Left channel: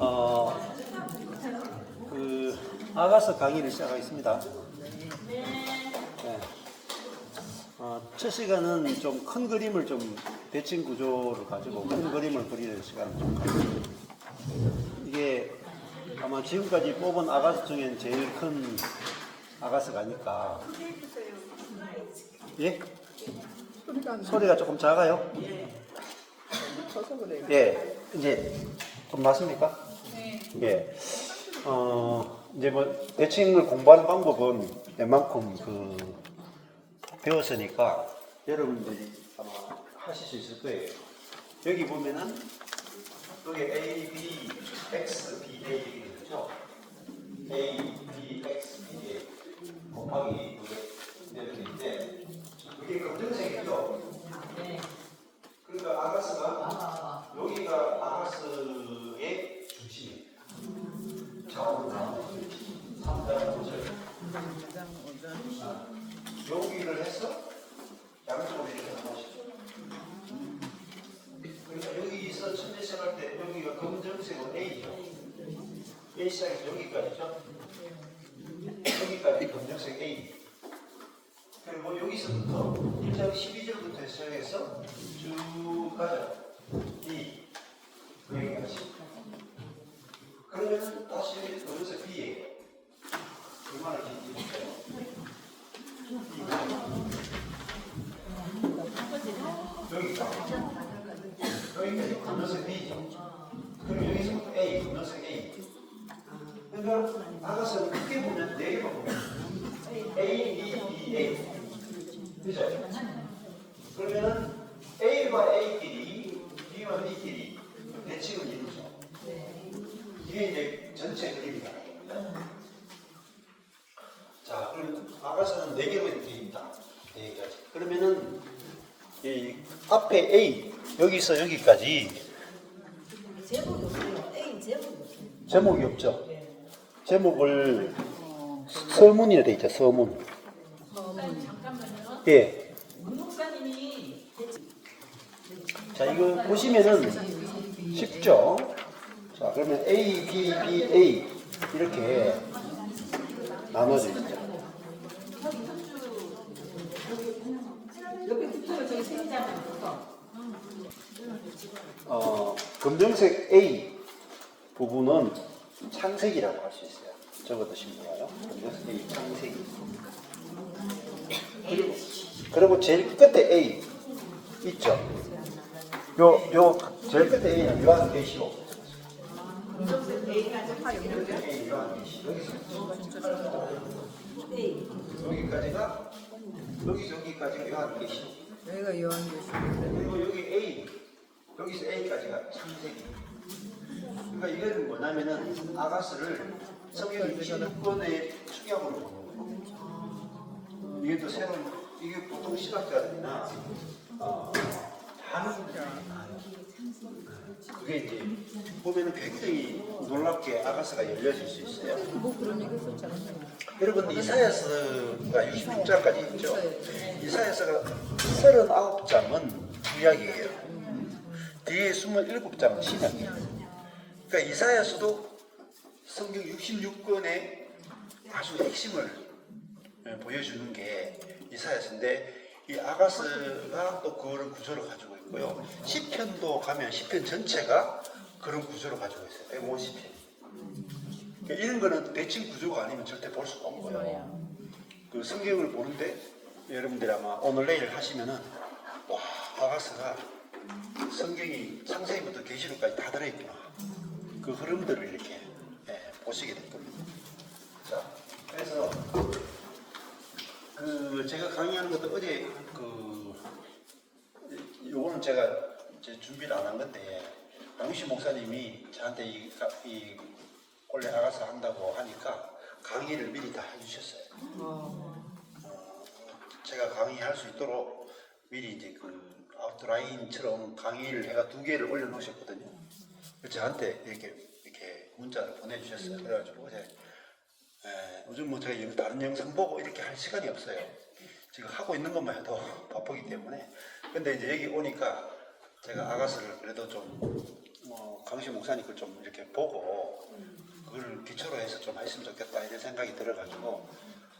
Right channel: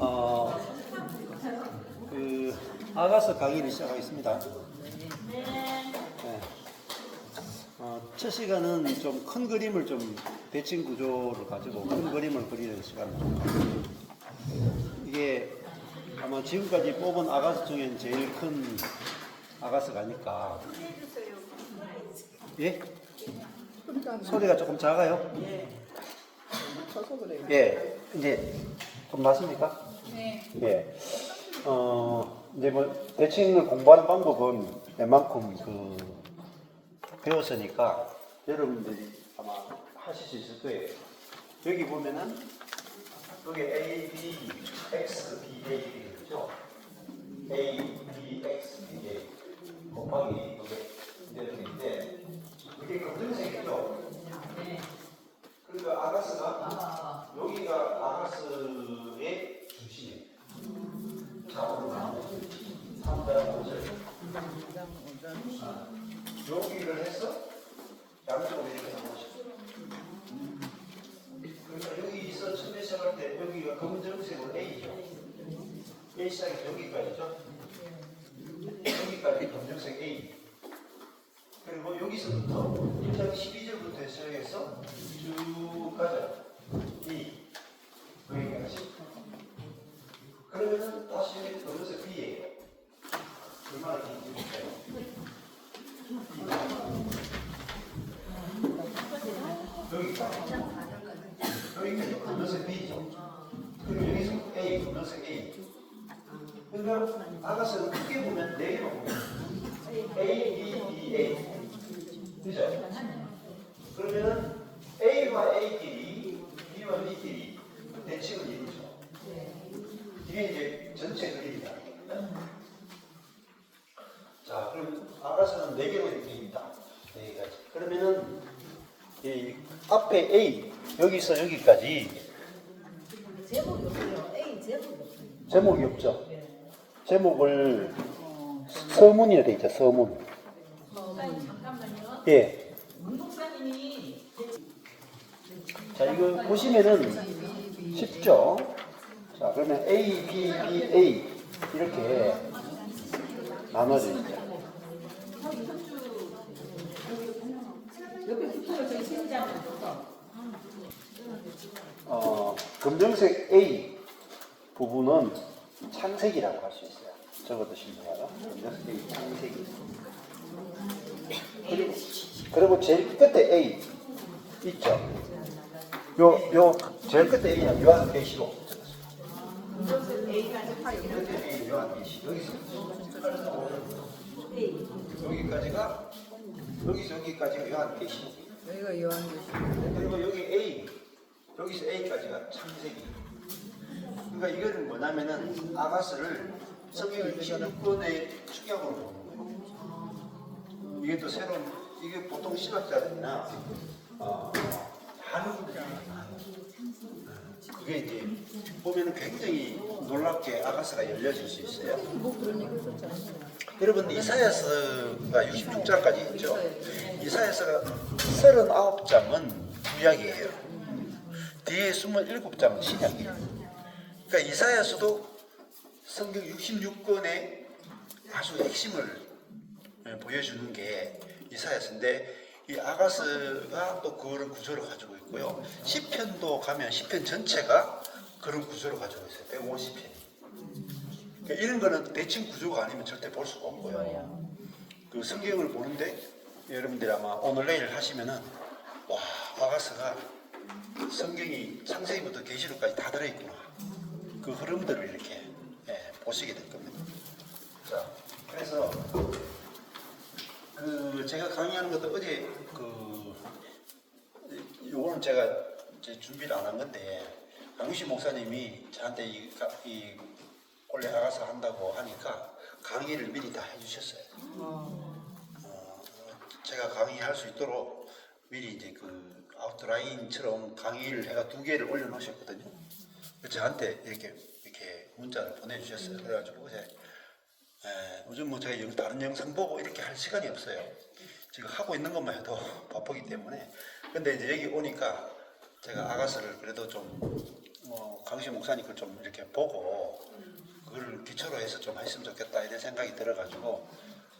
어, 아가서 강의를 시작하겠습니다. 네. 첫 시간은 좀 큰 그림을 좀 대칭 구조를 가지고 큰 그림을 그리는 시간을 좀 가지고 이게 아마 지금까지 뽑은 아가서 중엔 제일 큰 아가서가 아닐까. 예? 소리가 조금 작아요? 예. 이제 좀 났습니까? 네. 예. 이제 뭐 대칭을 공부하는 방법은 웬만큼 배웠으니까 여러분들이 아마 하실 수 있을 거예요. 여기 보면은 여기 A, B, X, B, A 이렇게 되죠. A, B, X, B, A 곱하기 이렇게 되는데 이게 검정색이죠. 네. 그러니까 아가스가 여기가 아가스의 중심이에요. 좌우로 상대하는 곳을 여기를 해서 양쪽으로 이렇게 하는 것이죠. 그러니까 여기서 처음에 시작할 때 여기가 검정색으로 A죠. A 시작이 여기까지죠. 여기까지 검정색 A. 그리고 여기서부터 1장 12절부터 시작해서 쭉 가죠. D. 여기까지. 그러면 다시 검정색 B예요. 얼마나 긴지 볼까요? 여기까지 검정색 B죠. 그럼 여기서 A, 검정색 A. 그러니까 아가서 크게 보면 4개만 보면 A, B, B, A. 그죠? 그러면은 A와 A끼리, B와 B끼리 대칭을 이루죠. 이게 이제 전체 그림이다. 자, 그럼 아가서는 4개로 이렇게 되어 있다. 4개까지. 그러면은 이 앞에 A, 여기서 여기까지 제목이 없어요. A 제목이 없어요. 제목이 없죠. 제목을 서문이라 되어 있죠. 서문. 목사님 잠깐만요. 예. 목사님이 자, 이거 보시면은 쉽죠. 자, 그러면 A, B, B, A 이렇게 나눠져 있죠. 검정색 A 부분은 창색이라고 할 수 있어요. 적어두시면 검정색 A 창색이. 그리고 제일 끝에 A 있죠. 요 제일 끝에 A는 요한계시록. 끝에 A 요한계시. 여기까지가 여기까지가 요한계시. 여기가 요한계시. 그리고 여기 A, 여기서 A까지가 창세기. 그러니까 이거는 뭐냐면은 아가스를 성경 26권의 축약으로 보는 거예요. 이게 또 새로운, 이게 보통 신학자들이나 하는 분들이 그게 이제 보면은 굉장히 놀랍게 아가스가 열려질 수 있어요. 뭐 그런 얘기 있었잖아요. 여러분 이사야서가 66장까지 있죠. 이사야서가 39장은 구약이에요. 뒤에 27장은 신약이에요. 그러니까 이사야서도 성경 66권의 아주 핵심을 보여주는 게 이사야서인데 이 아가스가 또 그런 구조를 가지고 있고요. 시편도 가면 시편 전체가 그런 구조를 가지고 있어요. 150편이. 그러니까 이런 거는 대칭 구조가 아니면 절대 볼 수가 없는 거예요. 그 성경을 보는데 여러분들이 아마 오늘 내일 하시면은 와, 아가스가 성경이 창세기부터 계시록까지 다 들어있구나. 그 흐름들을 이렇게 보시게 될 겁니다. 자, 그래서 제가 강의하는 것도 어제 요거는 제가 이제 준비를 안 한 건데 양우시 목사님이 저한테 이 원래 아가서 한다고 하니까 강의를 미리 다 해주셨어요. 제가 강의할 수 있도록 미리 이제 그 아웃라인처럼 강의를 해가 2개를 올려놓으셨거든요. 저한테 이렇게 문자를 보내주셨어요. 그래가지고 어제 요즘 뭐 제가 다른 영상 보고 이렇게 할 시간이 없어요. 지금 하고 있는 것만 해도 바쁘기 때문에. 근데 이제 여기 오니까 제가 아가서를 그래도 좀 강의 장우신 목사님 걸 좀 이렇게 보고 그걸 기초로 해서 좀 했으면 좋겠다 이런 생각이 들어가지고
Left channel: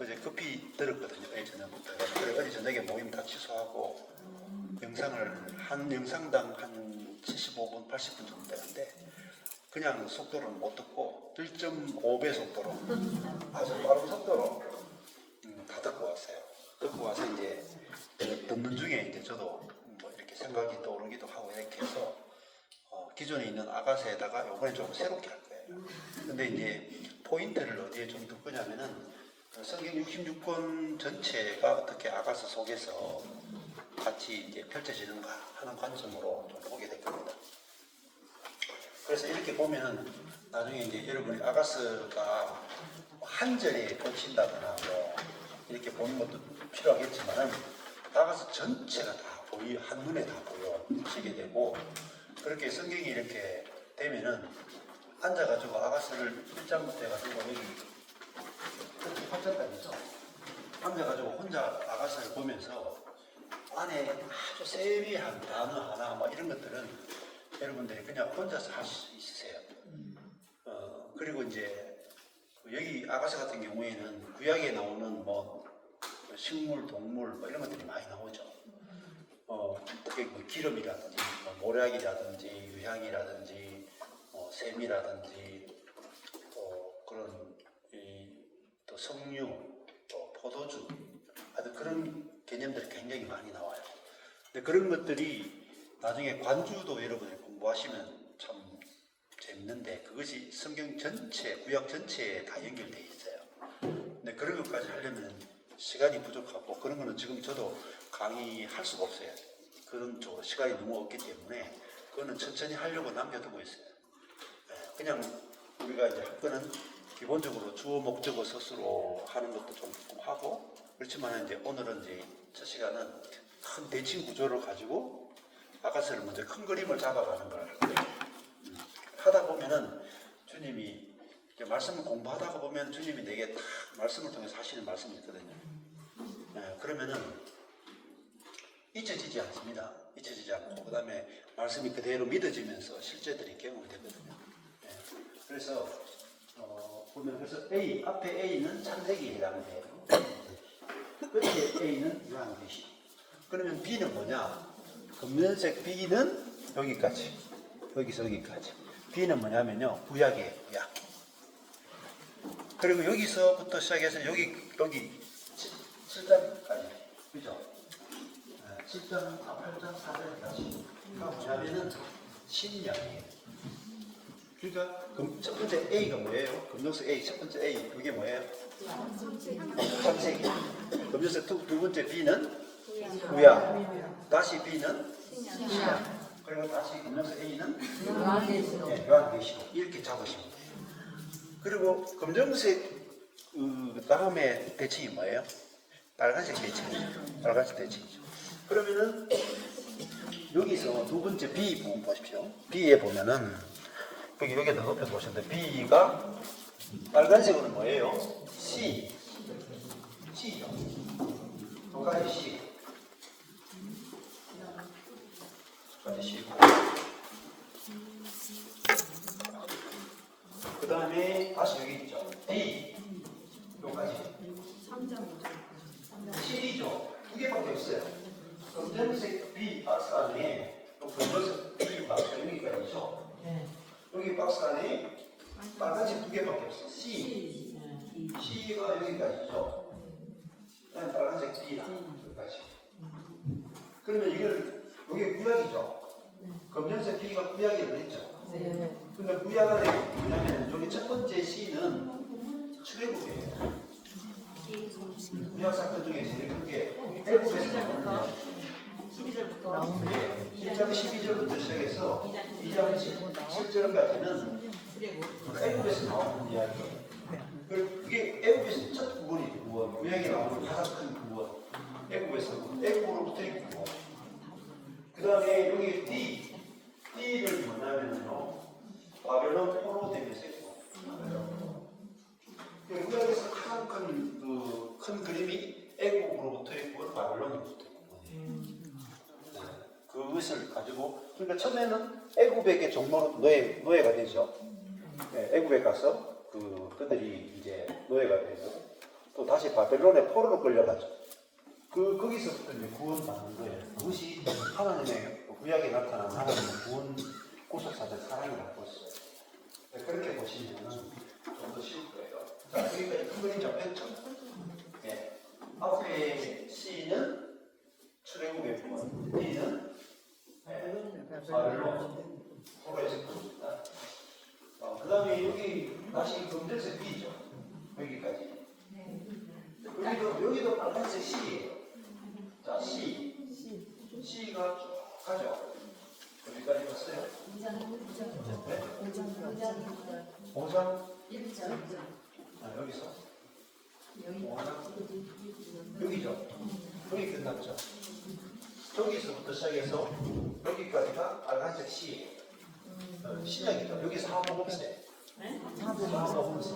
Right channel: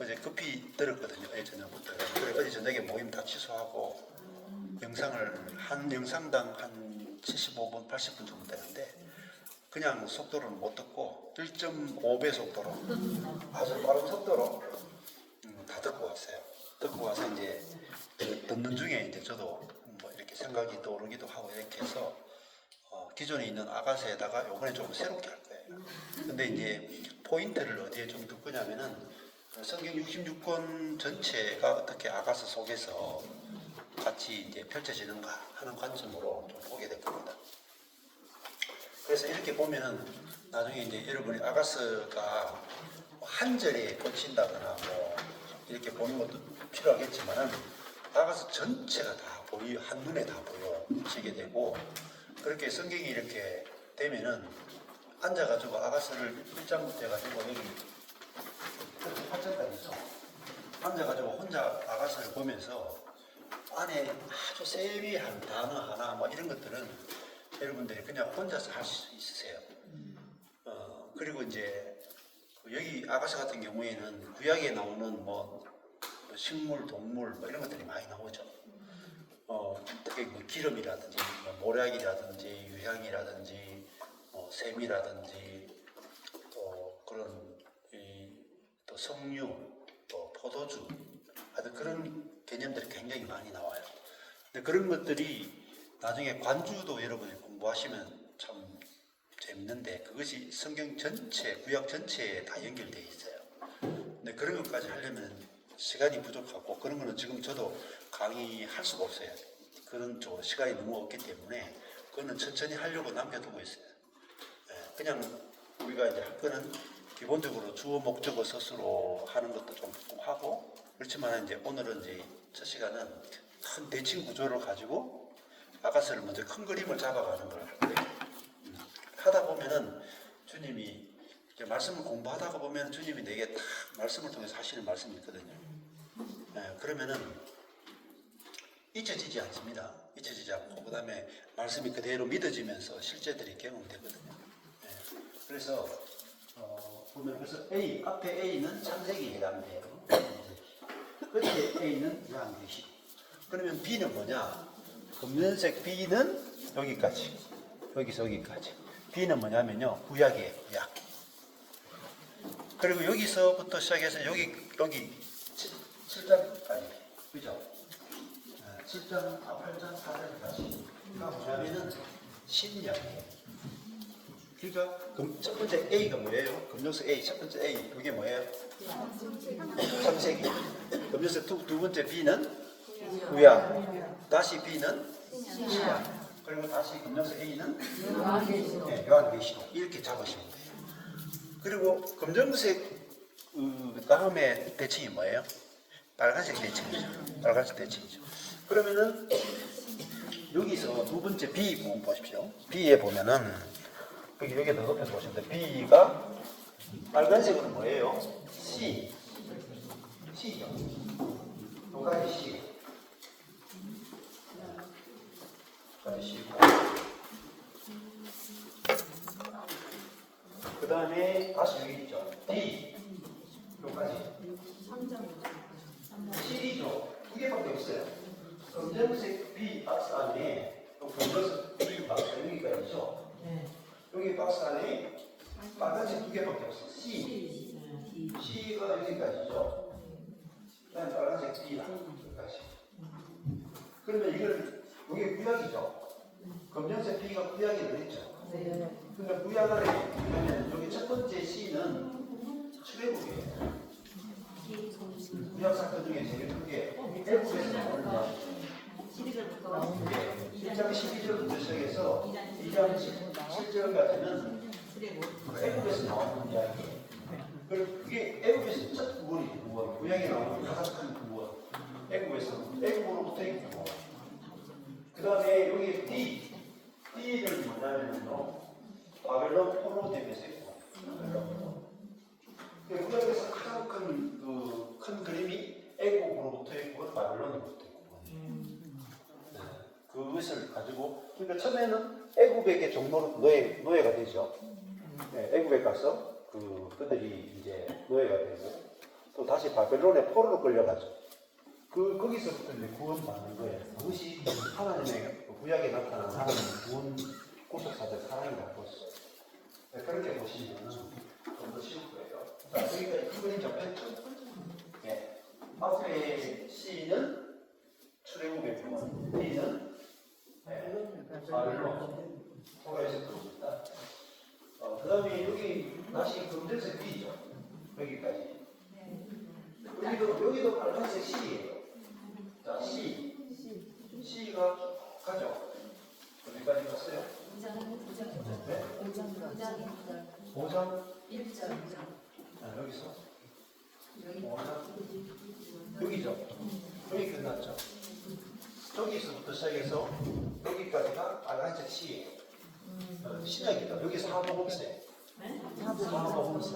어제 급히 들었거든요. 어제 저녁부터. 그래 어제 저녁에 모임 다 취소하고 영상을 한 영상당 한 75분, 80분 정도 되는데 그냥 속도를 못 듣고 1.5배 속도로 아주 빠른 속도로 다 듣고 왔어요. 듣고 와서 이제 그 듣는 중에 이제 저도 뭐 이렇게 생각이 떠오르기도 하고 이렇게 해서 기존에 있는 아가서에다가 이번에 좀 새롭게 할 거예요. 근데 이제 포인트를 어디에 좀 둘 거냐면은 성경 66권 전체가 어떻게 아가서 속에서 같이 이제 펼쳐지는가 하는 관점으로 좀 보게 될 겁니다. 그래서 이렇게 보면은 나중에 이제 여러분이 아가서가 한 절에 펼친다거나 뭐 이렇게 보는 것도 필요하겠지만 아가서 전체가 다 한눈에 다 보여지게 되고 그렇게 성경이 이렇게 되면은 앉아가지고 아가서를 1장부터 해가지고 여기 8장까지죠. 앉아가지고 혼자 아가서를 보면서 안에 아주 세미한 단어 하나 뭐 이런 것들은 여러분들이 그냥 혼자서 할 수 있으세요. 그리고 이제 여기 아가서 같은 경우에는 구약에 나오는 뭐 식물, 동물 뭐 이런 것들이 많이 나오죠. 특히 뭐 기름이라든지 뭐 모략이라든지 유향이라든지 샘이라든지 또 그런 또 석류, 또 포도주 하여튼 그런 개념들이 굉장히 많이 나와요. 근데 그런 것들이 나중에 관주도 여러분이 공부하시면 참 재밌는데 그것이 성경 전체, 구약 전체에 다 연결되어 있어요. 근데 그런 것까지 하려면 시간이 부족하고 그런 거는 지금 저도 강의할 수가 없어요. 그런 시간이 너무 없기 때문에 그거는 천천히 하려고 남겨두고 있어요. 그냥 우리가 이제 할 거는 기본적으로 주어 목적어 서술로 하는 것도 좀 하고 그렇지만 이제 오늘은 이제 첫 시간은 큰 대칭 구조를 가지고 아가서를 먼저 큰 그림을 잡아가는 걸 할 거예요. 하다 보면은 주님이 이제 말씀을 공부하다가 보면 주님이 내게 딱 말씀을 통해서 하시는 말씀이 있거든요. 그러면은 잊혀지지 않습니다. 잊혀지지 않고 그 다음에 말씀이 그대로 믿어지면서 실제들이 경험되거든요. 그래서 보면 그래서 A 앞에 A는 창세기에 해당돼요. 끝에 A는 요한계시. 그러면 B는 뭐냐? 검은색 B는 여기까지, 여기서 여기까지. B는 뭐냐면요, 구약이에요, 구약. 그리고 여기서부터 시작해서 여기 7장까지, 그죠? 7장, 8장, 4장까지. 뭐냐면은 신약이에요. 그러니까 첫 번째 A가 뭐예요? 금용석 A, 첫 번째 A, 그게 뭐예요? 창세기. 금용석 두 번째 B는 구약. 다시 B는 신약. 그리고 다시 금용석 A는 요한계시록. 이렇게 잡으시면 돼요. 그리고 검정색 다음에 대칭이 뭐예요? 빨간색 대칭이죠. 빨간색 대칭이죠. 그러면은 여기서 두 번째 B 부분 보십시오. B에 보면은 여기 더 높여서 보시면 돼요. B가 빨간색으로 뭐예요? C. C죠. 두 가지 C. 두 가지 C. 그 다음에 다시 여기 있죠. D. 여기까지. 7이죠. 두 개밖에 없어요. 검정색 B 박스 안에 검정색 B 박스 여기가 있죠. 여기 박스 안에 빨간색 두 개밖에 없어요. C. C가 여기까지죠. 그다음에 빨간색 D가 여기까지. 그러면 이걸 이게 구약이죠. 검정색 B가 구약이 됐죠. 근데 구약 안에 뭐냐면 여기 첫 번째 C는 출애굽이에요. 구약 사건 중에 제일 크게 애굽에서 나오는데 1장 12절부터 시작해서 2장 7절까지는 애굽에서 나오는 이야기예요. 그게 애굽에서 첫 구원이죠. 구원. 구약에 나오는 가장 큰 구원. 애굽으로부터의 구원. 그 다음에 여기 D를 뭐냐면요, 바벨론 포로되면서의 구원. 구약에서 가장 큰 그림이 애국으로부터의 구원, 바벨론으로부터의 구원이에요. 그것을 가지고 그러니까 처음에는 애굽에게 종로 노예가 되죠. 네, 애굽에 가서 그들이 이제 노예가 되고 또 다시 바벨론의 포로로 끌려가죠. 거기서부터 이제 구원받는 거예요. 그것이 하나님의 구약에 나타나는 하나님의 구원 구속사적 사랑이라고 했어요. 네, 그렇게 보시면 좀 더 쉬울 거예요. 자, 그러니까 이 그림 잡혔죠. 네. 앞에 C는 출애굽의 구원, B는 바벨론, 포로에서 구원입니다. 그 다음에 여기 다시 검정색 B죠. 여기까지. 여기도 빨간색 C예요. 자, C가 가죠. 어디까지 갔어요? 5장 1절. 여기서 5장 여기죠. 여기 끝났죠. 저기서부터 시작해서 여기까지가 빨간색 C예요. 신약이다. 여기 사복음세. 사복음세.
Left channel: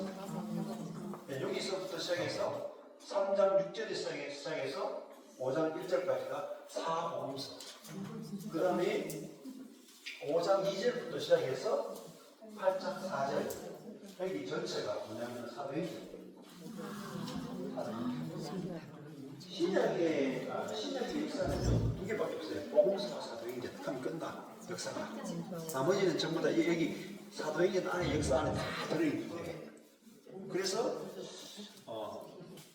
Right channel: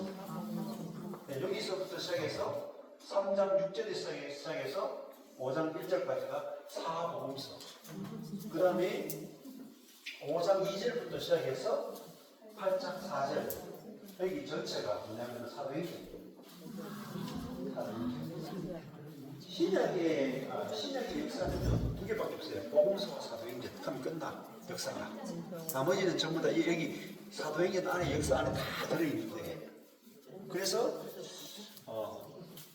네, 여기서부터 시작해서 3장 6절에 시작해서 5장 1절까지가 사복음서. 그 다음에 5장 2절부터 시작해서 8장 4절. 여기 전체가 뭐냐면 사도행전. 신약의 역사는 두 개밖에 없어요. 복음서와 사도행전. 그럼 끝나. 역사가. 나머지는 전부 다 여기 사도행전 안에 역사 안에 다 들어있는 거예요. 그래서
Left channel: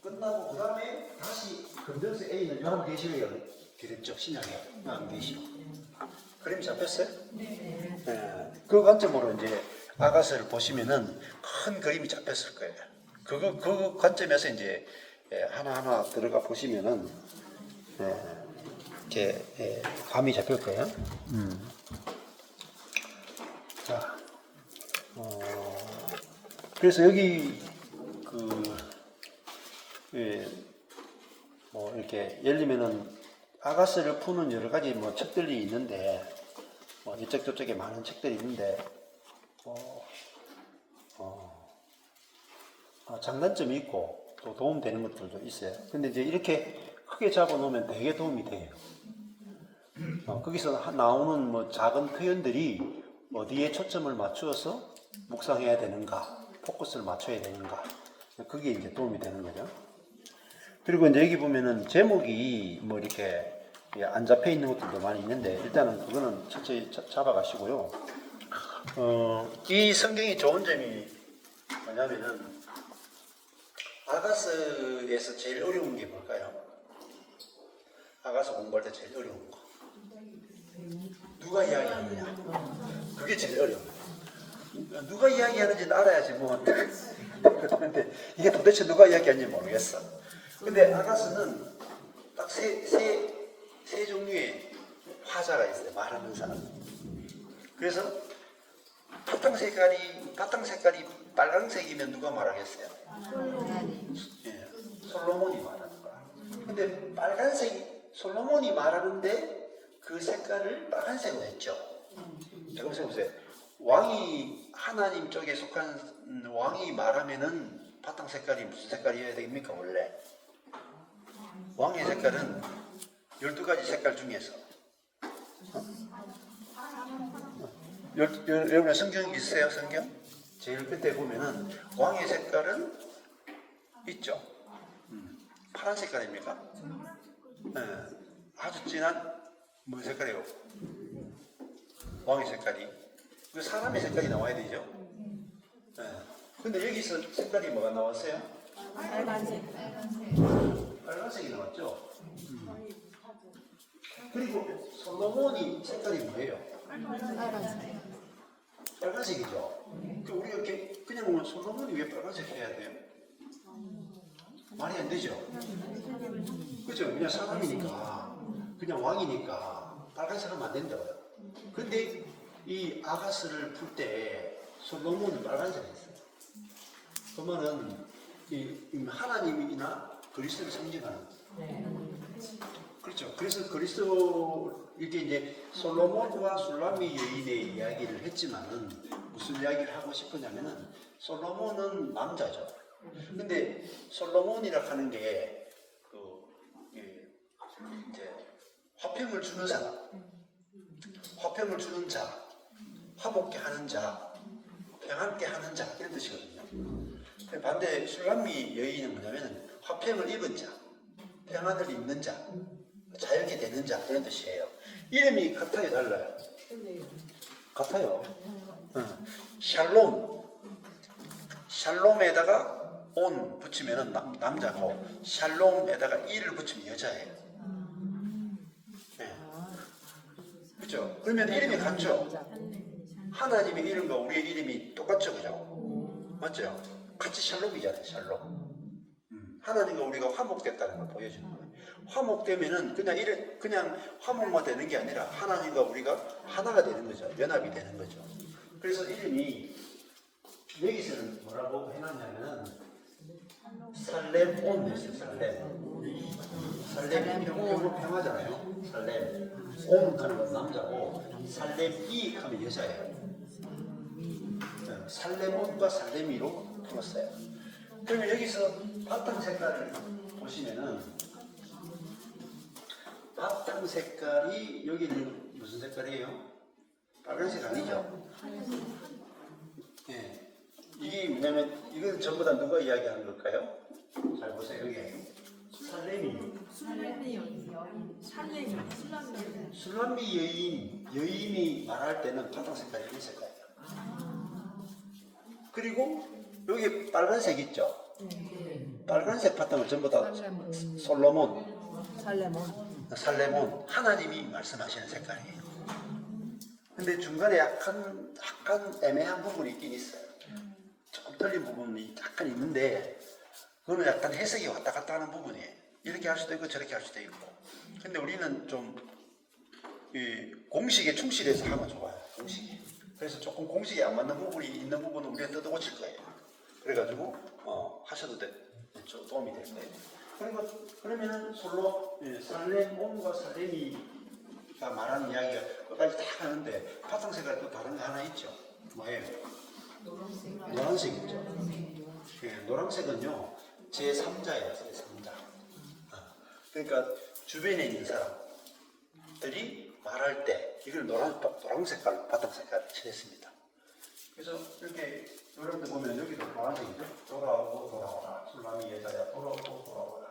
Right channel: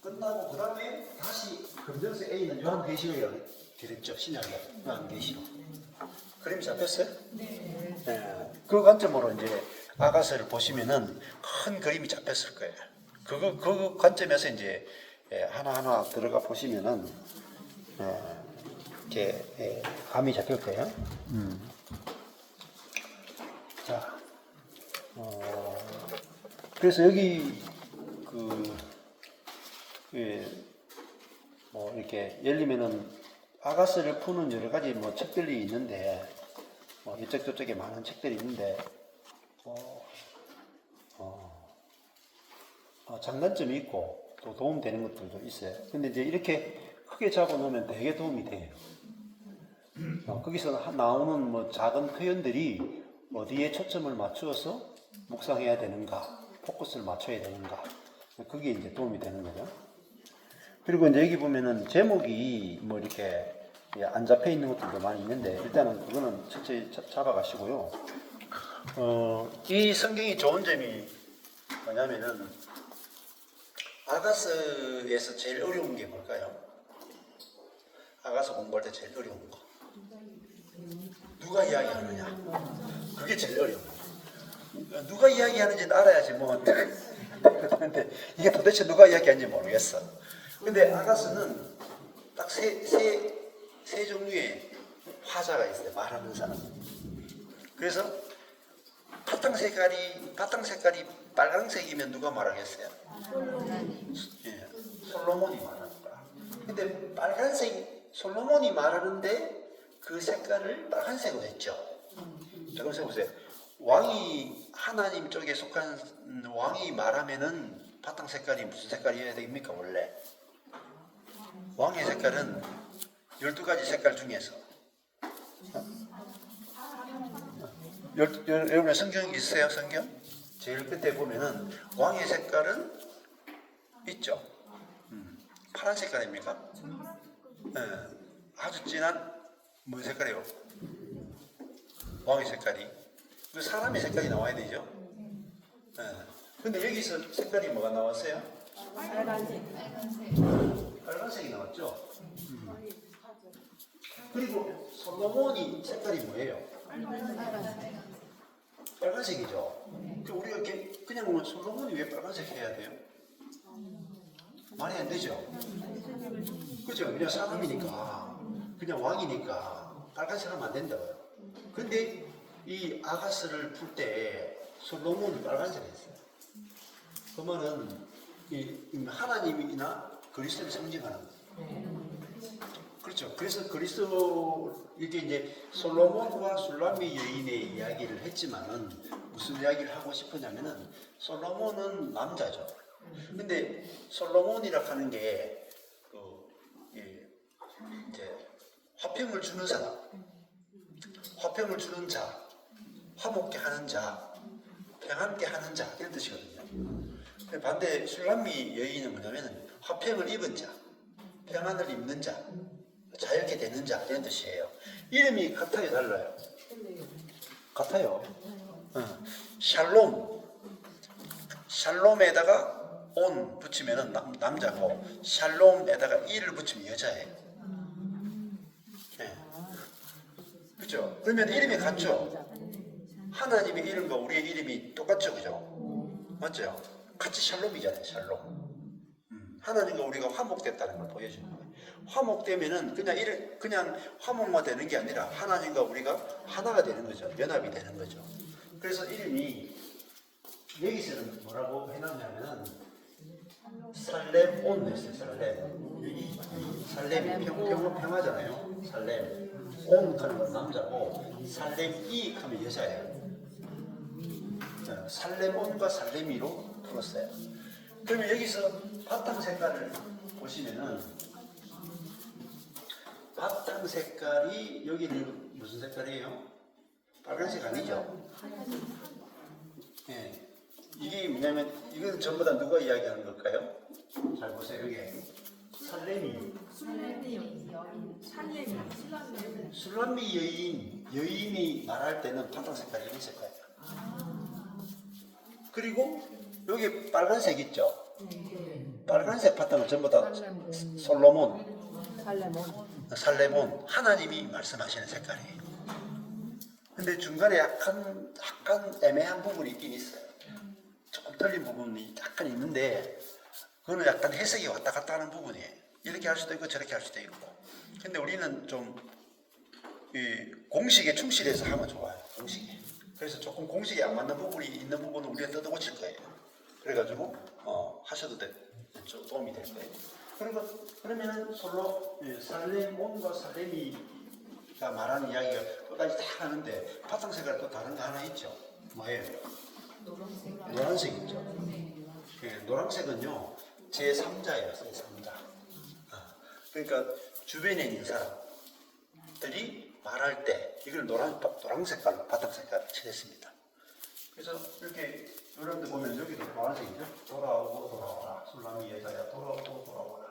끝나고 그 다음에 다시 검정색 A는 요한계시록이라고 되겠죠. 신약에 요한계시록. 그림 잡혔어요? 네. 그 관점으로 이제 아가서를 보시면은 큰 그림이 잡혔을 거예요. 그 관점에서 이제 하나하나 들어가 보시면은 이제 감이 잡힐 거예요. 자, 그래서 여기 뭐 이렇게 열리면은 아가스를 푸는 여러 가지 뭐 책들이 있는데 뭐 이쪽 저쪽에 많은 책들이 있는데 장단점이 있고 또 도움되는 것들도 있어요. 근데 이제 이렇게 크게 잡아놓으면 되게 도움이 돼요. 거기서 나오는 뭐 작은 표현들이 어디에 초점을 맞추어서 묵상해야 되는가, 포커스를 맞춰야 되는가, 그게 이제 도움이 되는 거죠. 그리고 이제 여기 보면은 제목이 뭐 이렇게 안 잡혀 있는 것들도 많이 있는데 일단은 그거는 철저히 잡아가시고요. 이 성경이 좋은 점이 뭐냐면은 아가서에서 제일 어려운 게 뭘까요? 아가서 공부할 때 제일 어려운 거. 누가 이야기하느냐. 그게 제일 어려운 거예요. 누가 이야기하는지는 알아야지 뭐. 근데 이게 도대체 누가 이야기하는지 모르겠어. 근데 아가서는 딱 세 종류의 화자가 있어요. 말하는 사람. 그래서 바탕 색깔이 빨강색이면 누가 말하겠어요? 예, 솔로몬이 말하는 거야. 근데 빨간색 솔로몬이 말하는데 그 색깔을 빨간색으로 했죠. 잠깐 보세요. 왕이 하나님 쪽에 속한 왕이 말하면은 바탕 색깔이 무슨 색깔이어야 됩니까 원래? 왕의 색깔은 12가지 색깔 중에서 여러분 성경 있어요? 성경? 제일 끝에 보면은 왕의 색깔은 있죠. 파란 색깔입니까? 네. 아주 진한 뭐 색깔이요? 왕의 색깔이. 그 사람의 색깔이 나와야 되죠. 네. 근데 여기서 색깔이 뭐가 나왔어요? 빨간색이 나왔죠. 그리고 솔로몬이 색깔이 뭐예요? 빨간색이죠. 우리가 그냥 보면 솔로몬이 왜 빨간색 해야 돼요? 말이 안 되죠. 그죠? 그냥 사람이니까, 그냥 왕이니까 빨간색 하면 안 된다고요. 근데 이 아가스를 풀 때 솔로몬이 빨간색 했어요. 그러면은 하나님이나 그리스도를 상징하는 거예요. 그렇죠. 그래서 그리스도 이게 이제 솔로몬과 술람미 여인의 이야기를 했지만은 무슨 이야기를 하고 싶으냐면은 솔로몬은 남자죠. 근데 솔로몬이라 하는 게 이제 화평을 주는 사람. 화평을 주는 자, 화목케 하는 자, 평안케 하는 자 이런 뜻이거든요. 반대 술람미 여인은 뭐냐면 화평을 입은 자, 평안을 입는 자, 자유케 되는 자 이런 뜻이에요. 이름이 같아요, 달라요? 같아요. 샬롬, 샬롬에다가 온 붙이면은 남자고 샬롬에다가 이를 붙이면 여자예요. 네. 그렇죠? 그러면 이름이 같죠? 하나님의 이름과 우리의 이름이 똑같죠, 그죠? 맞죠? 같이 샬롬이잖아요, 샬롬. 하나님과 우리가 화목됐다는 걸 보여주는 거예요. 화목되면은 그냥 화목만 되는 게 아니라 하나님과 우리가 하나가 되는 거죠. 연합이 되는 거죠. 그래서 이름이 여기서는 뭐라고 해놨냐면은 살렘온 했어요. 살렘이 평화잖아요. 살렘 온 하는 남자고 살렘이 하면 여자예요. 살렘온과 살렘이로 풀었어요. 그러면 여기서 바탕 색깔을 보시면은 바탕 색깔이 여기는 무슨 색깔이에요? 빨간색 아니죠? 예. 이게 뭐냐면 이건 전부 다 누가 이야기하는 걸까요? 잘 보세요. 여기 술람미 여인이 말할 때는 바탕 색깔이 이 색깔이에요. 그리고 여기 빨간색 있죠? 빨간색 바탕은 전부 다 살레몬 하나님이 말씀하시는 색깔이에요. 근데 중간에 약간 애매한 부분이 있긴 있어요. 조금 틀린 부분이 약간 있는데 그거는 약간 해석이 왔다 갔다 하는 부분이에요. 이렇게 할 수도 있고 저렇게 할 수도 있고. 근데 우리는 좀 공식에 충실해서 하면 좋아요. 공식이. 그래서 조금 공식에 안 맞는 부분이 있는 부분은 우리가 뜯어 고칠 거예요. 그래가지고 하셔도 좀 도움이 될 거예요. 그러면은 솔로 살렘온과 살렘이가 말하는 이야기가 끝까지 다 하는데 바탕 색깔 또 다른 거 하나 있죠. 뭐예요? 노란색 있죠. 노란색은요 제3자예요. 제3자. 그러니까 주변에 있는 사람들이 말할 때 이걸 노란 색깔로 바탕 색깔을 칠했습니다. 그래서 이렇게 이런 데 보면 여기도 노란색이죠. 돌아오고 돌아오라. 술람이 여자야. 돌아오고 돌아오라.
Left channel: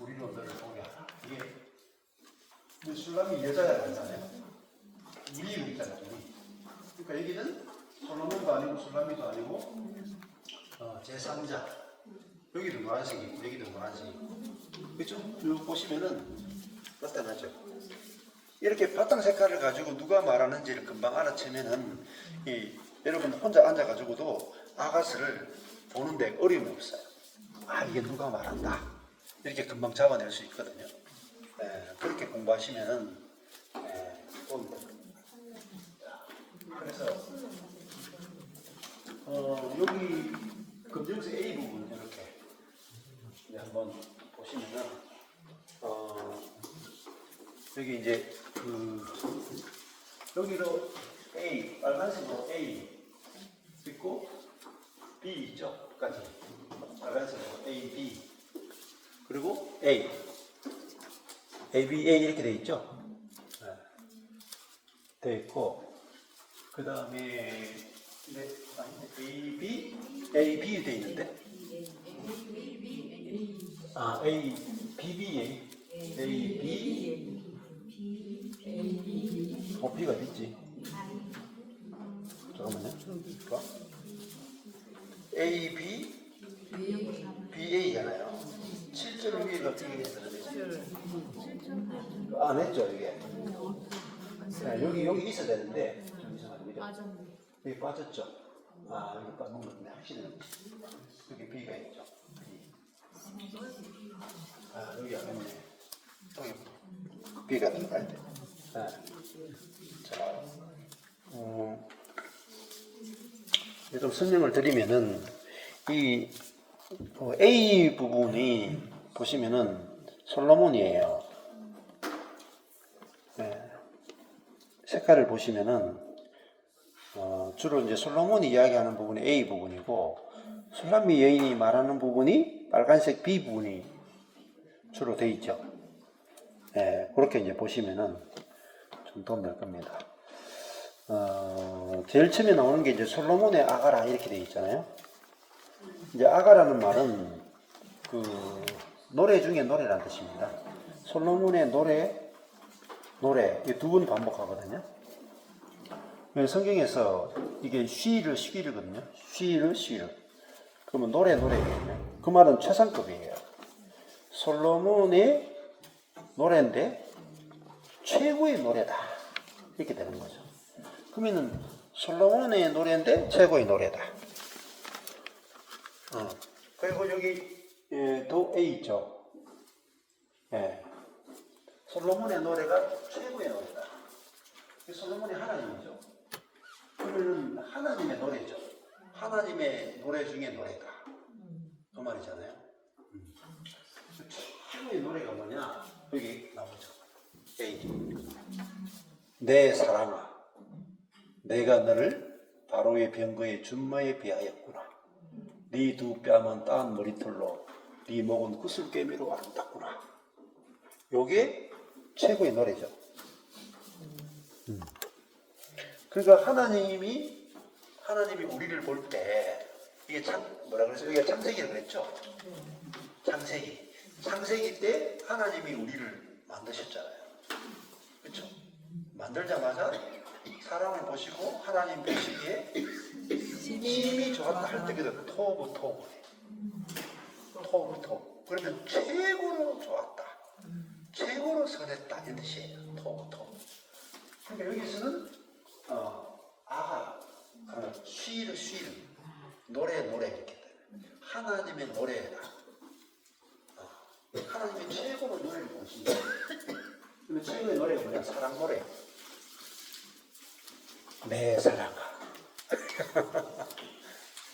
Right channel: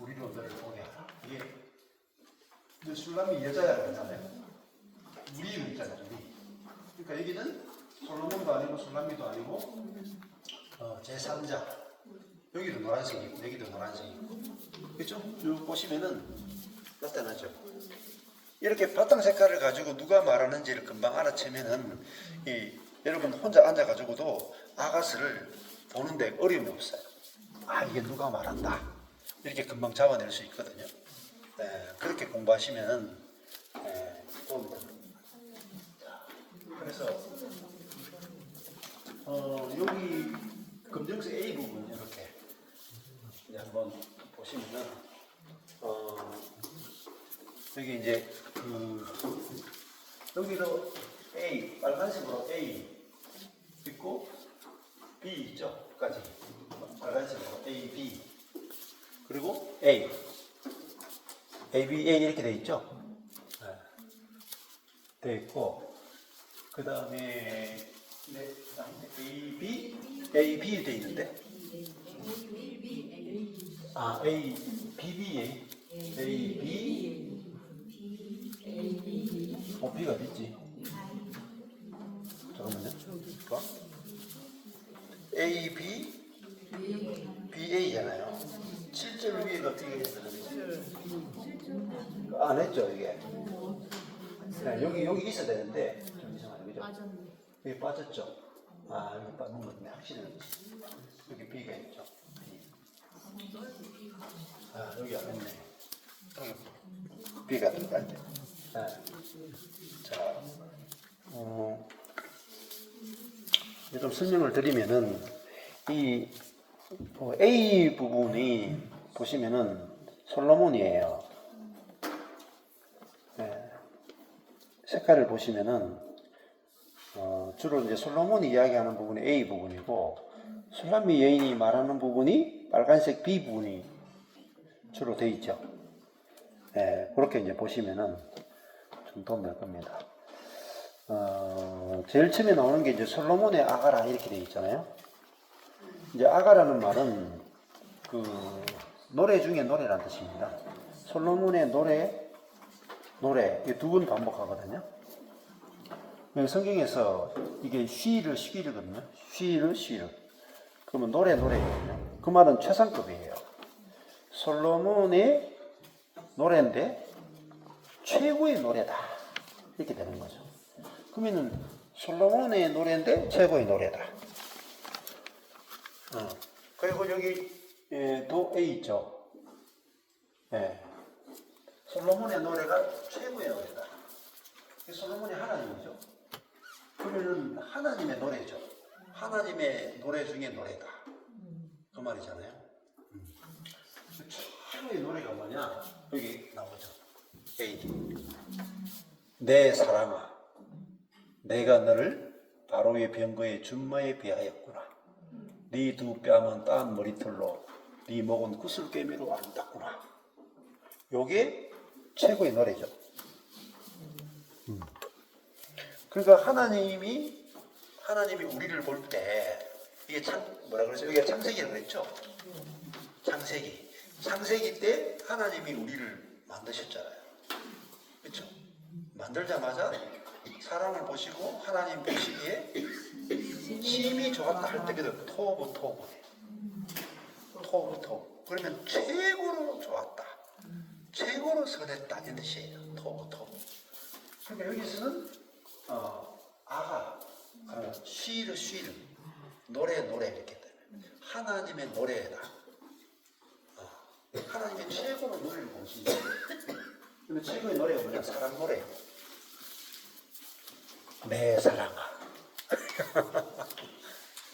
우리로 너를 보게 하라. 이게 술람이 여자야 그러잖아요. 우리 이름 있잖아요. 우리. 그러니까 여기는 솔로몬도 아니고 술람이도 아니고 제3자. 여기도 노란색이고 여기도 노란색이고. 그렇죠? 쭉 보시면은 나타나죠. 이렇게 바탕 색깔을 가지고 누가 말하는지를 금방 알아채면은 여러분 혼자 앉아가지고도 아가스를 보는데 어려움이 없어요. 이게 누가 말한다. 이렇게 금방 잡아낼 수 있거든요. 그렇게 공부하시면은 도움이 됩니다. 그래서 여기 검정색 A 부분 이렇게 이제 한번 보시면은 여기 이제 여기도 A 빨간색으로 A 있고 B 있죠? 까지 빨간색으로 A, B 그리고 A, B, A 이렇게 돼 있죠? 돼 있고 그 다음에 A, B 돼 있는데 A, B, B, A, B B가 어디 있지? 잠깐만요. A, B, B, A잖아요. 7절 위에가 B가 있었는데 안 했죠 이게. 여기 있어야 되는데 그죠? 여기 빠졌죠. 여기 빠진 건데 확실히 여기 B가 있죠. 여기 안 했네. B가 들어가야 돼. 자, 좀 설명을 드리면은 이 A 부분이 보시면은 솔로몬이에요. 색깔을 보시면은 주로 이제 솔로몬이 이야기하는 부분이 A 부분이고 술람미 여인이 말하는 부분이 빨간색 B 부분이 주로 돼 있죠. 그렇게 이제 보시면은 좀 도움이 될 겁니다. 제일 처음에 나오는 게 이제 솔로몬의 아가라 이렇게 되어 있잖아요. 이제 아가라는 말은 그 노래 중에 노래라는 뜻입니다. 솔로몬의 노래 이 두 번 반복하거든요. 성경에서 이게 쉬를 그러면 노래거든요. 그 말은 최상급이에요. 솔로몬의 노래인데 최고의 노래다 이렇게 되는 거죠. 그러면은 솔로몬의 노래인데 최고의 노래다. 그리고 여기 도 A 있죠. 예. 솔로몬의 노래가 최고의 노래다. 솔로몬이 하나님이죠. 그러면 하나님의 노래죠. 하나님의 노래 중에 노래다. 그 말이잖아요. 최고의 노래가 뭐냐? 여기 나오죠. A. 내 사랑아, 내가 너를 바로의 병거의 준마에 비하였구나. 네 두 뺨은 따은 머리털로, 네 목은 구슬깨미로 아름답구나. 요게 최고의 노래죠. 그러니까 하나님이 우리를 볼 때 이게 뭐라 그러죠? 이게 창세기라고 그랬죠. 창세기 때 하나님이 우리를 만드셨잖아요. 그렇죠? 만들자마자 사람을 보시고 하나님 보시기에 힘이 좋았다 할 때 그대로 토부 그러면 최고로 좋았다, 최고로 선했다 이런 뜻이에요. 토부. 그러니까 여기서는 아가 쉬르 노래 이렇게 하나님의 노래다. 하나님의 최고로 노래를 보신다. 근데 최고의 노래가 뭐냐? 사랑 노래. 내 사랑아.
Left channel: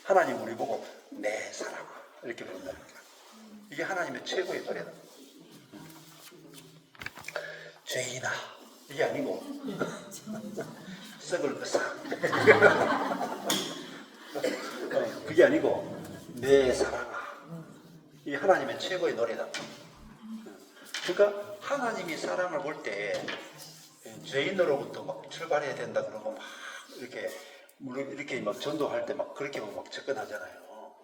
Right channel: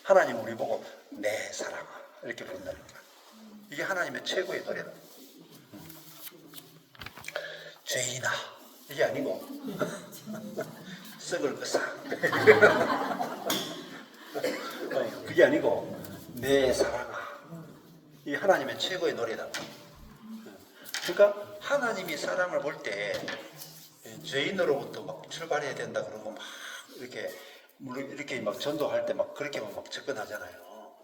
하나님 우리 보고 내 사랑아 이렇게 부른다니까. 이게 하나님의 최고의 노래다. 죄인아 이게 아니고 썩을 것아 그게 아니고 내 사랑아. 이 하나님의 최고의 노래다. 그러니까 하나님이 사람을 볼 때 죄인으로부터 막 출발해야 된다 그러고 막 물론 이렇게 막 전도할 때 막 그렇게 막 접근하잖아요.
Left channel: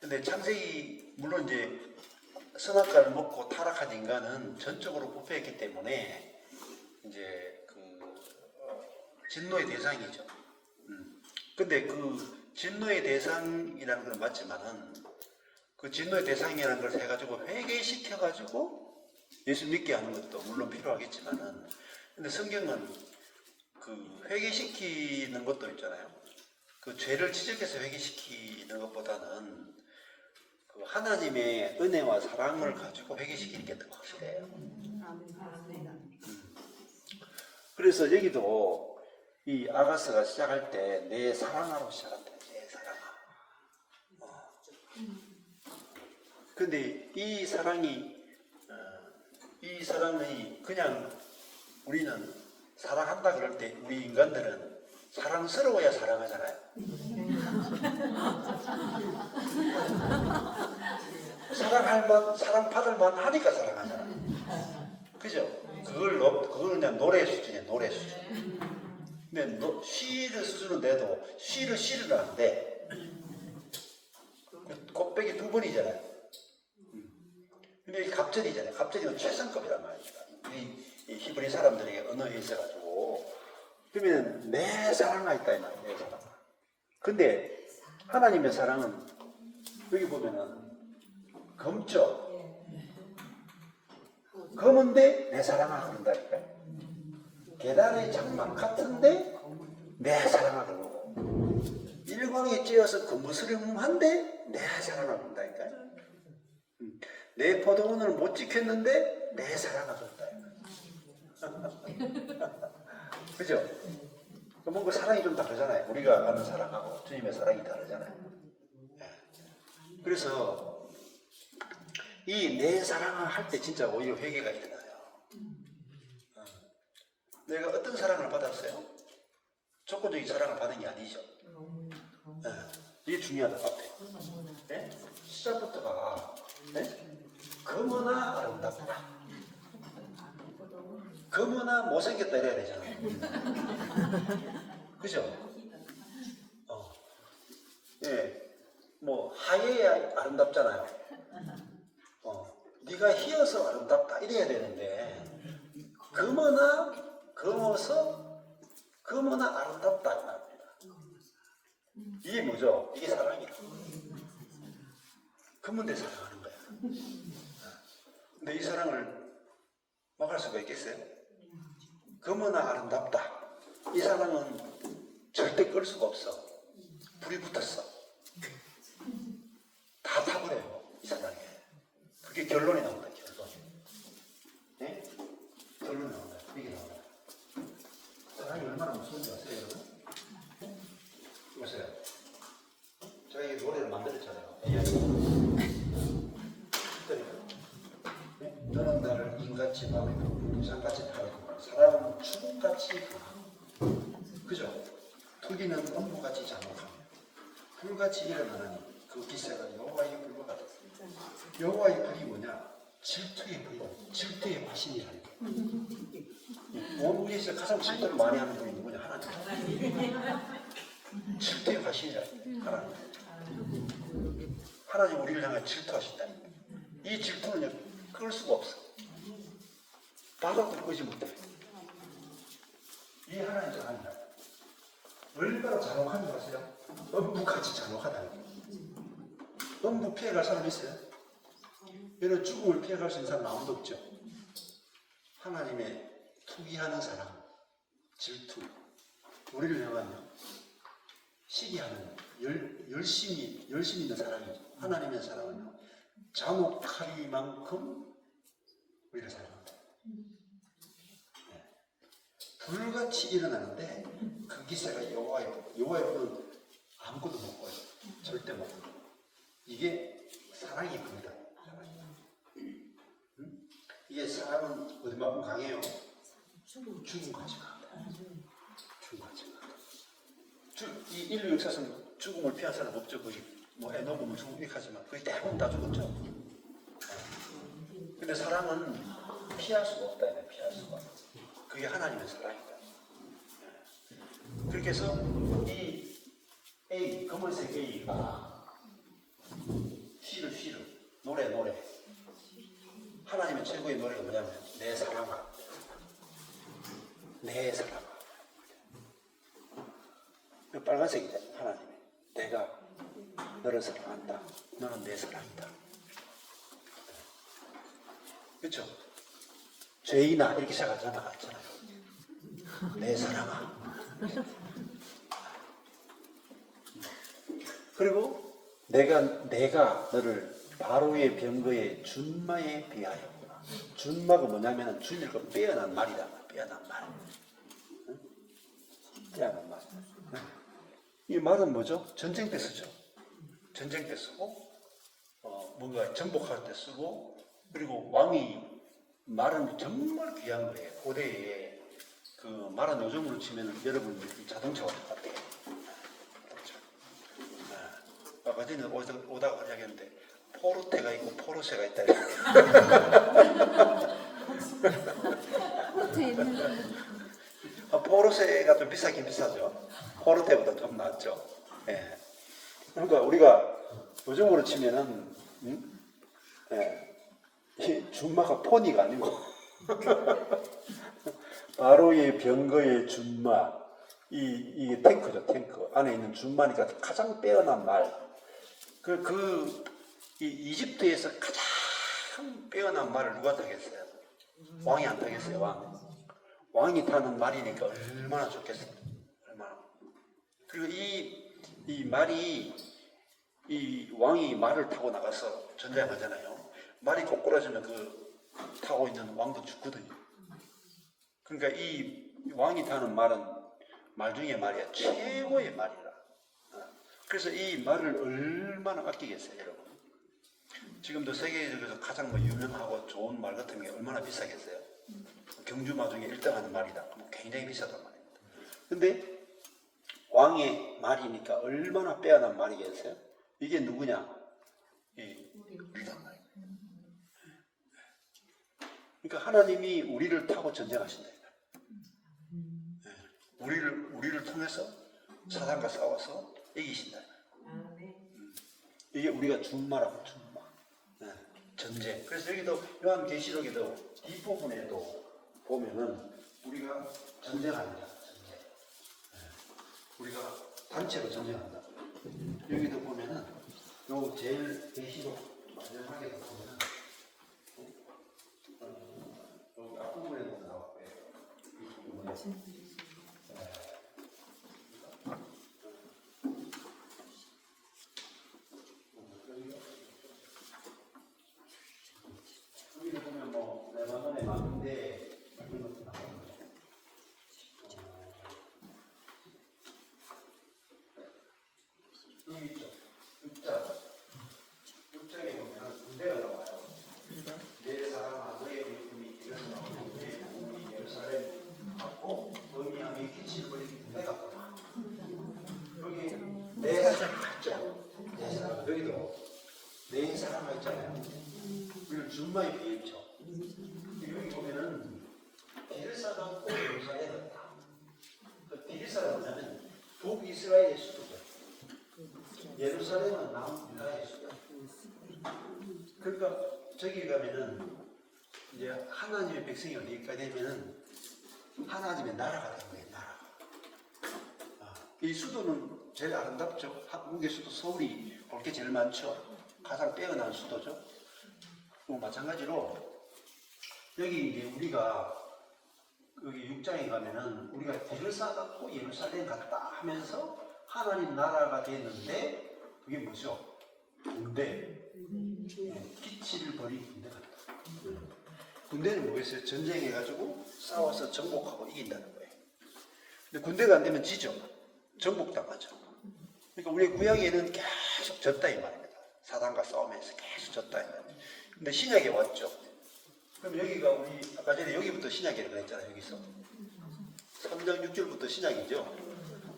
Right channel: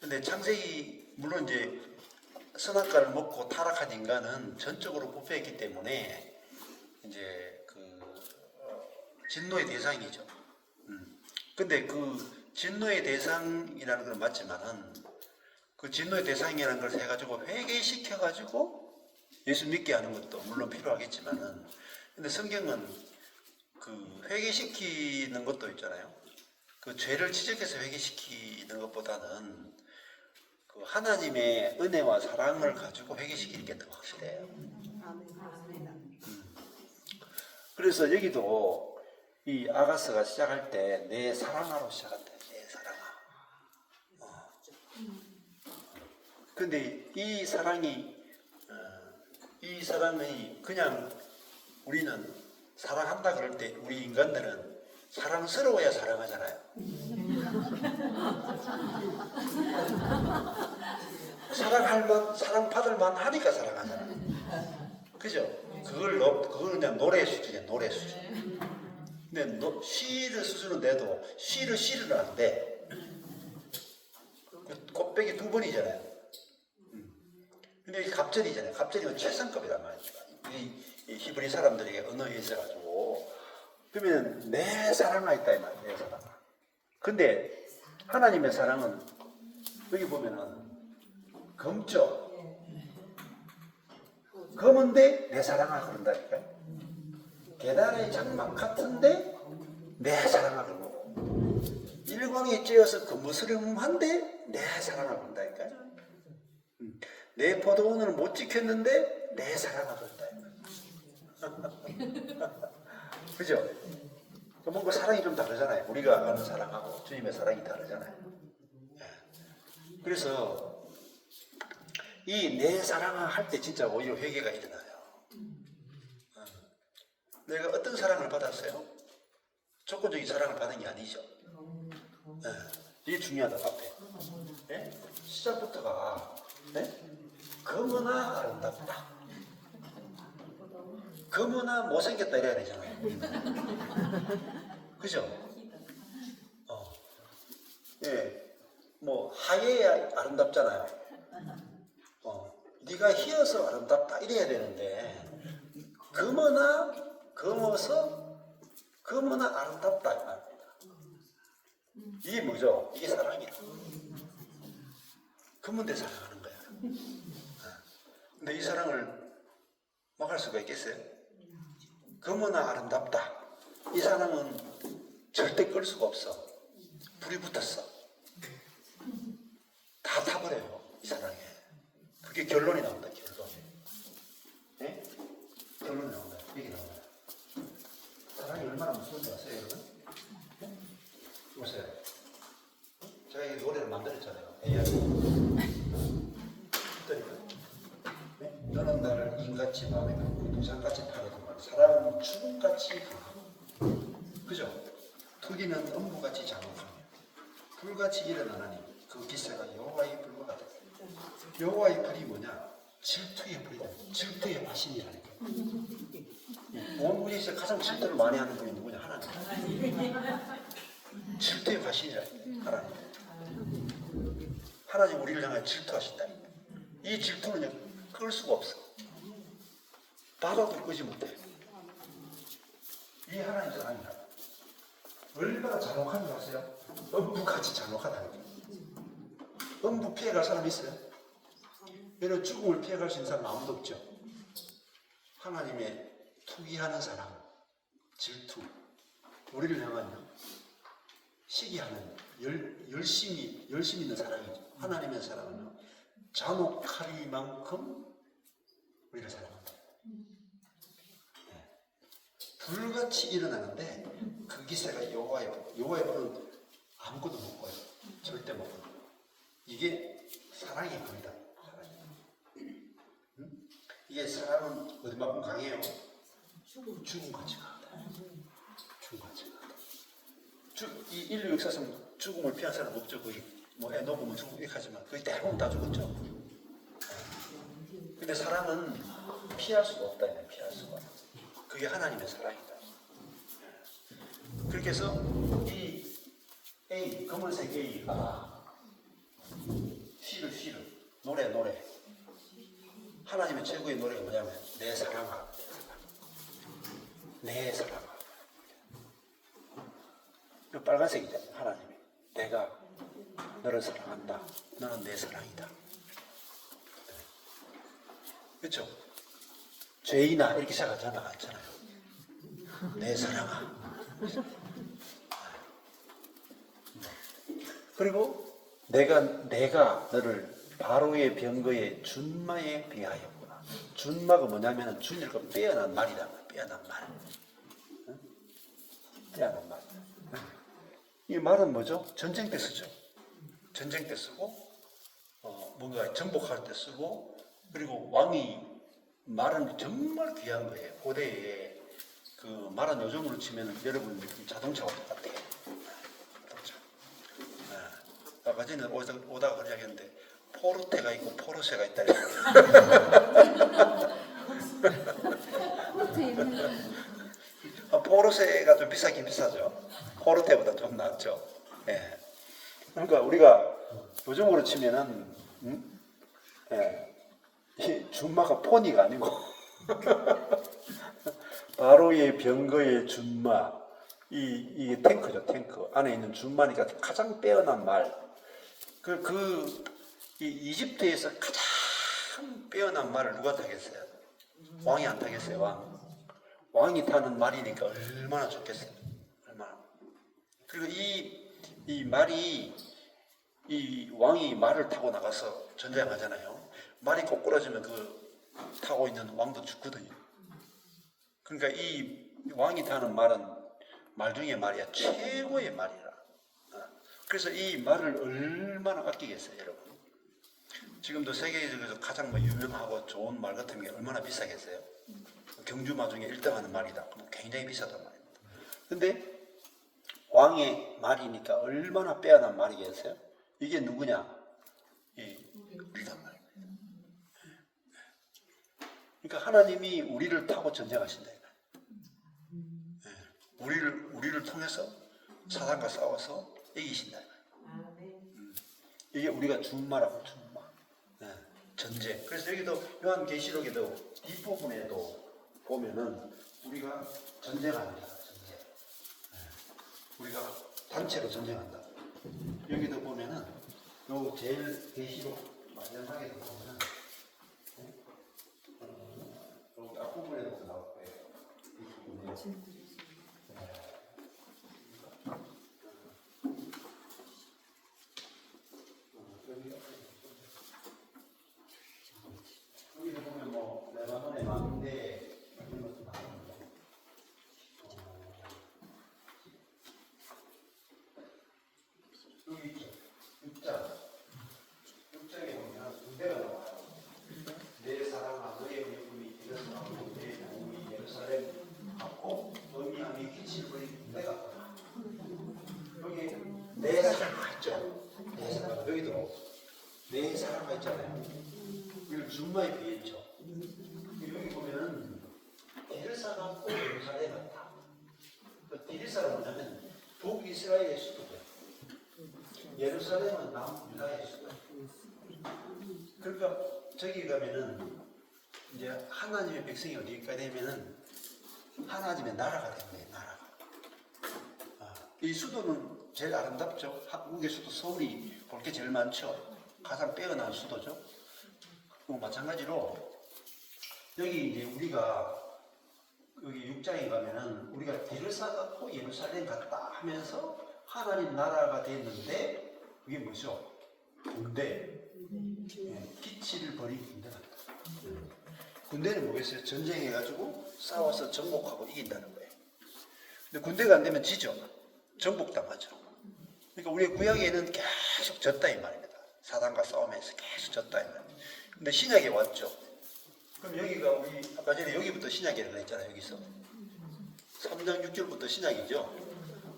근데 창세기 물론 이제 선악과를 먹고 타락한 인간은 전적으로 부패했기 때문에 이제 진노의 대상이죠. 근데 그 진노의 대상이라는 건 맞지만은 그 진노의 대상이라는 걸 해가지고 회개시켜가지고 예수 믿게 하는 것도 물론 필요하겠지만은 근데 성경은 그 회개시키는 것도 있잖아요. 그 죄를 지적해서 회개시키는 것보다는 그 하나님의 은혜와 사랑을 가지고 회개시키는 게 더 확실해요. 그래서 여기도 이 아가스가 시작할 때 내 사랑아로 시작한다. 내 사랑아. 근데 이 사랑이 그냥 우리는 사랑한다 그럴 때 우리 인간들은 사랑스러워야 사랑하잖아요. 사랑받을 만 하니까 사랑하잖아요. 그죠? 그걸 그냥 노래 수준이에요. 노래 수준. 근데 시를 수준은 돼도 시를 안 돼. 곱빼기 두 번이잖아요. 근데 이게 갑절이잖아요. 갑절이면 최상급이란 말이에요. 이 히브리 사람들에게 언어에 있어가지고 그러면 내 사랑아 있다 이 말이에요. 내 사랑아. 근데 하나님의 사랑은 여기 보면은 검죠. 검은데 내 사랑아 그런다니까요. 계단의 장막 같은데 내 사랑아 그러고 일광이 쬐어서 거무스름한데 내 사랑아 그런다니까요. 내 포도원을 못 지켰는데 내 사랑아 그런다. 그죠? 뭔가 사랑이 좀 다르잖아요. 우리가 아는 사랑하고 주님의 사랑이 다르잖아요. 그래서 이 내 사랑을 할 때 진짜 오히려 회개가 일어나요. 내가 어떤 사랑을 받았어요? 조건적인 사랑을 받은 게 아니죠. 이게 중요하다. 앞에 시작부터가 검으나 아름답다. 검으나 못생겼다 이래야 되잖아요. 그죠? 예, 뭐 하얘야 아름답잖아요. 네가 희어서 아름답다 이래야 되는데 검어나 아름답다. 이게 뭐죠? 이게 사랑이야. 검은데 사랑하는 거야. 근데 이 사랑을 막을 수가 있겠어요? 검어나 아름답다. 이 사랑은 절대 끌 수가 없어. 불이 붙었어. 다 타버려요. 이 사랑에. 그게 결론이 나온다. 결론. 네? 결론이 나온다. 이게 나온다. 사랑이 얼마나 무서운지 아세요? 보세요. 제가 이 노래를 만들었잖아요. 네? 너는 나를 인같이 마음에 두산같이 바라고 사랑은 추금같이 강하고 그죠? 토기는 음부같이 장하고 불같이 일어나는 그 기세가 여호와의 불과 같았어요. 여호와의 불이 뭐냐? 질투의 불이다. 질투의 화신이라는 거예요. 온 우리에서 가장 질투를 많이 하는 분이 누구냐? 하나님. 질투의 화신이라는 거예요. 하나님. 하나님 우리를 향해 질투하신다는 거예요. 이 질투는 끌 수가 없어. 나도 끄지 못해. 이 하나님 사랑이야. 얼마나 잔혹한지 아세요? 음부같이 잔혹하다는 거예요. 음부 피해갈 사람 있어요? 이런 죽음을 피해갈 수 있는 사람 아무도 없죠. 하나님의 투기하는 사람, 질투, 우리를 향한 시기하는 열심히 있는 사람이죠. 하나님의 사랑은요, 잔혹하리만큼 우리를 사랑합니다. 네. 불같이 일어나는데 그 기세가 여호와의 불은 아무것도 못 봐요. 절대 못 봐요. 이게 사랑의 불이다. 이게 사랑은 어디만큼 강해요? 죽음같이 강하다. 죽음같이 강하다. 이 인류 역사상 죽음을 피한 사람 없죠. 거의 뭐 에노브는 죽음 이렇게하지만 거의 대부분 다 죽었죠. 근데 사랑은 피할 수가 없다. 피할 수가. 그게 하나님의 사랑이다. 그렇게 해서 이 A, 검은색 A가 시를 노래 하나님의 최고의 노래가 뭐냐면 내 사랑아 내 사랑아. 이 빨간색이잖아요. 하나님이 내가 너를 사랑한다. 너는 내 사랑이다. 그렇죠? 죄인아 이렇게 시작하지 않았잖아요. 내 사랑아. 그리고 내가 너를 바로의 병거의 준마에 비하였구나. 준마가 뭐냐면 준일 거 빼어난 말이다. 빼어난 말. 응? 빼어난 말. 응? 이 말은 뭐죠? 전쟁 때 쓰죠. 전쟁 때 쓰고 뭔가 정복할 때 쓰고 그리고 왕이 말은 정말 귀한 거예요. 고대에 그 말은 요즘으로 치면 여러분 자동차와 똑같아요. 아까 전에 오다가 이야기했는데 포르테가 있고 포르쉐가 있다. 포르쉐가 좀 비싸긴 비싸죠. 포르테보다 좀 낫죠. 예. 그러니까 우리가 요즘으로 치면은 이 준마가 포니가 아니고 바로의 병거의 준마 이 탱크죠. 탱크 안에 있는 준마니까 가장 빼어난 말. 이 이집트에서 가장 빼어난 말을 누가 타겠어요? 왕이 안 타겠어요. 왕이 타는 말이니까 얼마나 좋겠어요. 얼마나. 그리고 이 말이 이 왕이 말을 타고 나가서 전쟁하잖아요. 말이 꼬꾸라지면 그 타고 있는 왕도 죽거든요. 그러니까 이 왕이 타는 말은 말 중에 말이야. 최고의 말이라. 그래서 이 말을 얼마나 아끼겠어요, 여러분. 지금도 세계에서 가장 유명하고 좋은 말 같은 게 얼마나 비싸겠어요. 경주마 중에 1등하는 말이다. 굉장히 비싸단 말입니다. 근데 왕의 말이니까 얼마나 빼어난 말이겠어요? 이게 누구냐? 우리란 말이에요. 그러니까 하나님이 우리를 타고 전쟁하신다. 우리를 통해서 사단과 싸워서 이기신다. 이게 우리가 준마라고 준마. 네, 전쟁. 그래서 여기도 요한계시록에도 뒷부분에도 보면은 우리가 전쟁하는 거야. 전쟁. 네, 우리가 단체로 전쟁한다. 여기도 보면은 요 제일 계시록 마지막에도 보면은 여기 앞부분에도 나왔고요. 이 부분에. 여기 보면 뭐 레바논에 많은데 이런 것도 나옵니다. 여기 있죠. 6장에 보면 군대가 나와요. 내 사랑아 너의 믿음이 되었다. 내 몸이 예루살렘 갖고 너희 함이 빛을 버린 군대가 나와. 여기 내 사랑 있죠. 내 사랑 여기도 내 사랑 있잖아요. 이걸 준마에 비유죠. 여기 보면은 디르사가 꼭 예루살렘에 갔다. 그 디르사가 뭐냐면 북이스라엘의 수도죠. 예루살렘은 남유다의 수도. 그러니까 저기 가면은 이제 하나님의 백성이 어디가 되면은 하나님의 나라가 된 거예요. 나라가. 이 수도는 제일 아름답죠. 한국의 수도 서울이 볼 게 제일 많죠. 가장 빼어난 수도죠. 마찬가지로 여기 이제 우리가 여기 6장에 가면은 우리가 디르사 갖고 예루살렘 갔다 하면서 하나님 나라가 됐는데 그게 뭐죠? 군대. 기치를 버린 군대가 있다. 군대는 뭐겠어요? 전쟁해가지고 싸워서 정복하고 이긴다는 거예요. 근데 군대가 안 되면 지죠. 정복당하죠. 그러니까 우리 구약에는 계속 졌다 이 말입니다. 사단과 싸우면서 계속 졌다 이 말입니다. 근데 신약에 왔죠. 그럼 여기가 우리 아까 전에 여기부터 신약이라고 했잖아요. 여기서 3장 6절부터 신약이죠.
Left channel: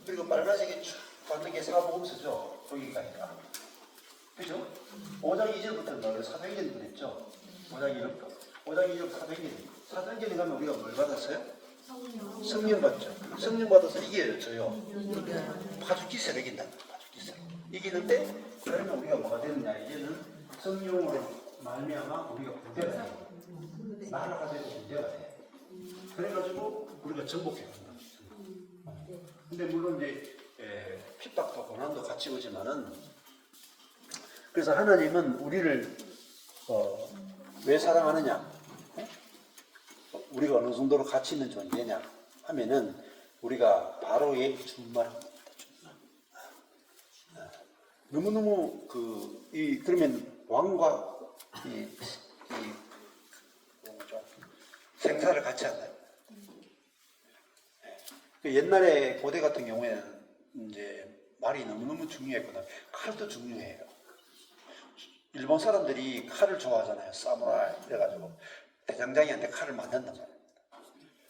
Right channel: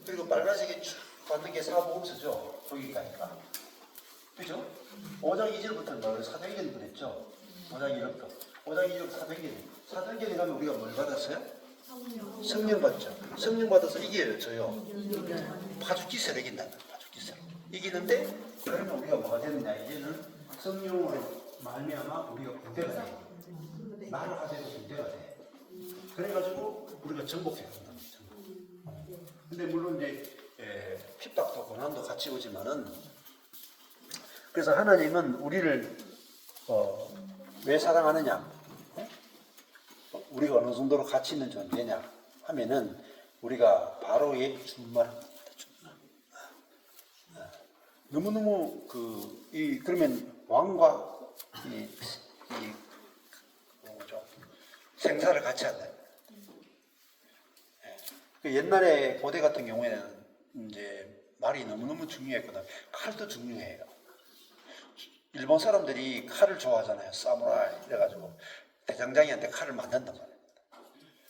그리고 빨간색이 쭉 가는 게 사복음서죠. 거기까지가. 그죠? 5장 2절부터는 뭐예요? 사도행전도 됐죠. 5장 2절부터. 5장 2절부터 사도행전. 사도행전에 가면 우리가 뭘 받았어요? 성령 받죠. 성령 받아서 이겨져요. 파죽기세를 이긴다는 거예요. 파죽기세를. 이기는데 그러면 우리가 뭐가 됐느냐? 이제는 성령으로 말미암아 우리가 군대가 돼요. 나라가 되고 군대가 돼. 그래가지고 우리가 정복해야 된다. 근데 물론 이제 핍박도 고난도 같이 오지만은 그래서 하나님은 우리를 왜 사랑하느냐? 우리가 어느 정도로 가치 있는 존재냐 하면은 우리가 바로의 준말합니다. 너무너무 그러면 왕과 생사를 같이 한다. 옛날에 고대 같은 경우에는 이제 말이 너무너무 중요했거든. 칼도 중요해요. 일본 사람들이 칼을 좋아하잖아요. 사무라이 이래가지고 대장장이한테 칼을 만든다고.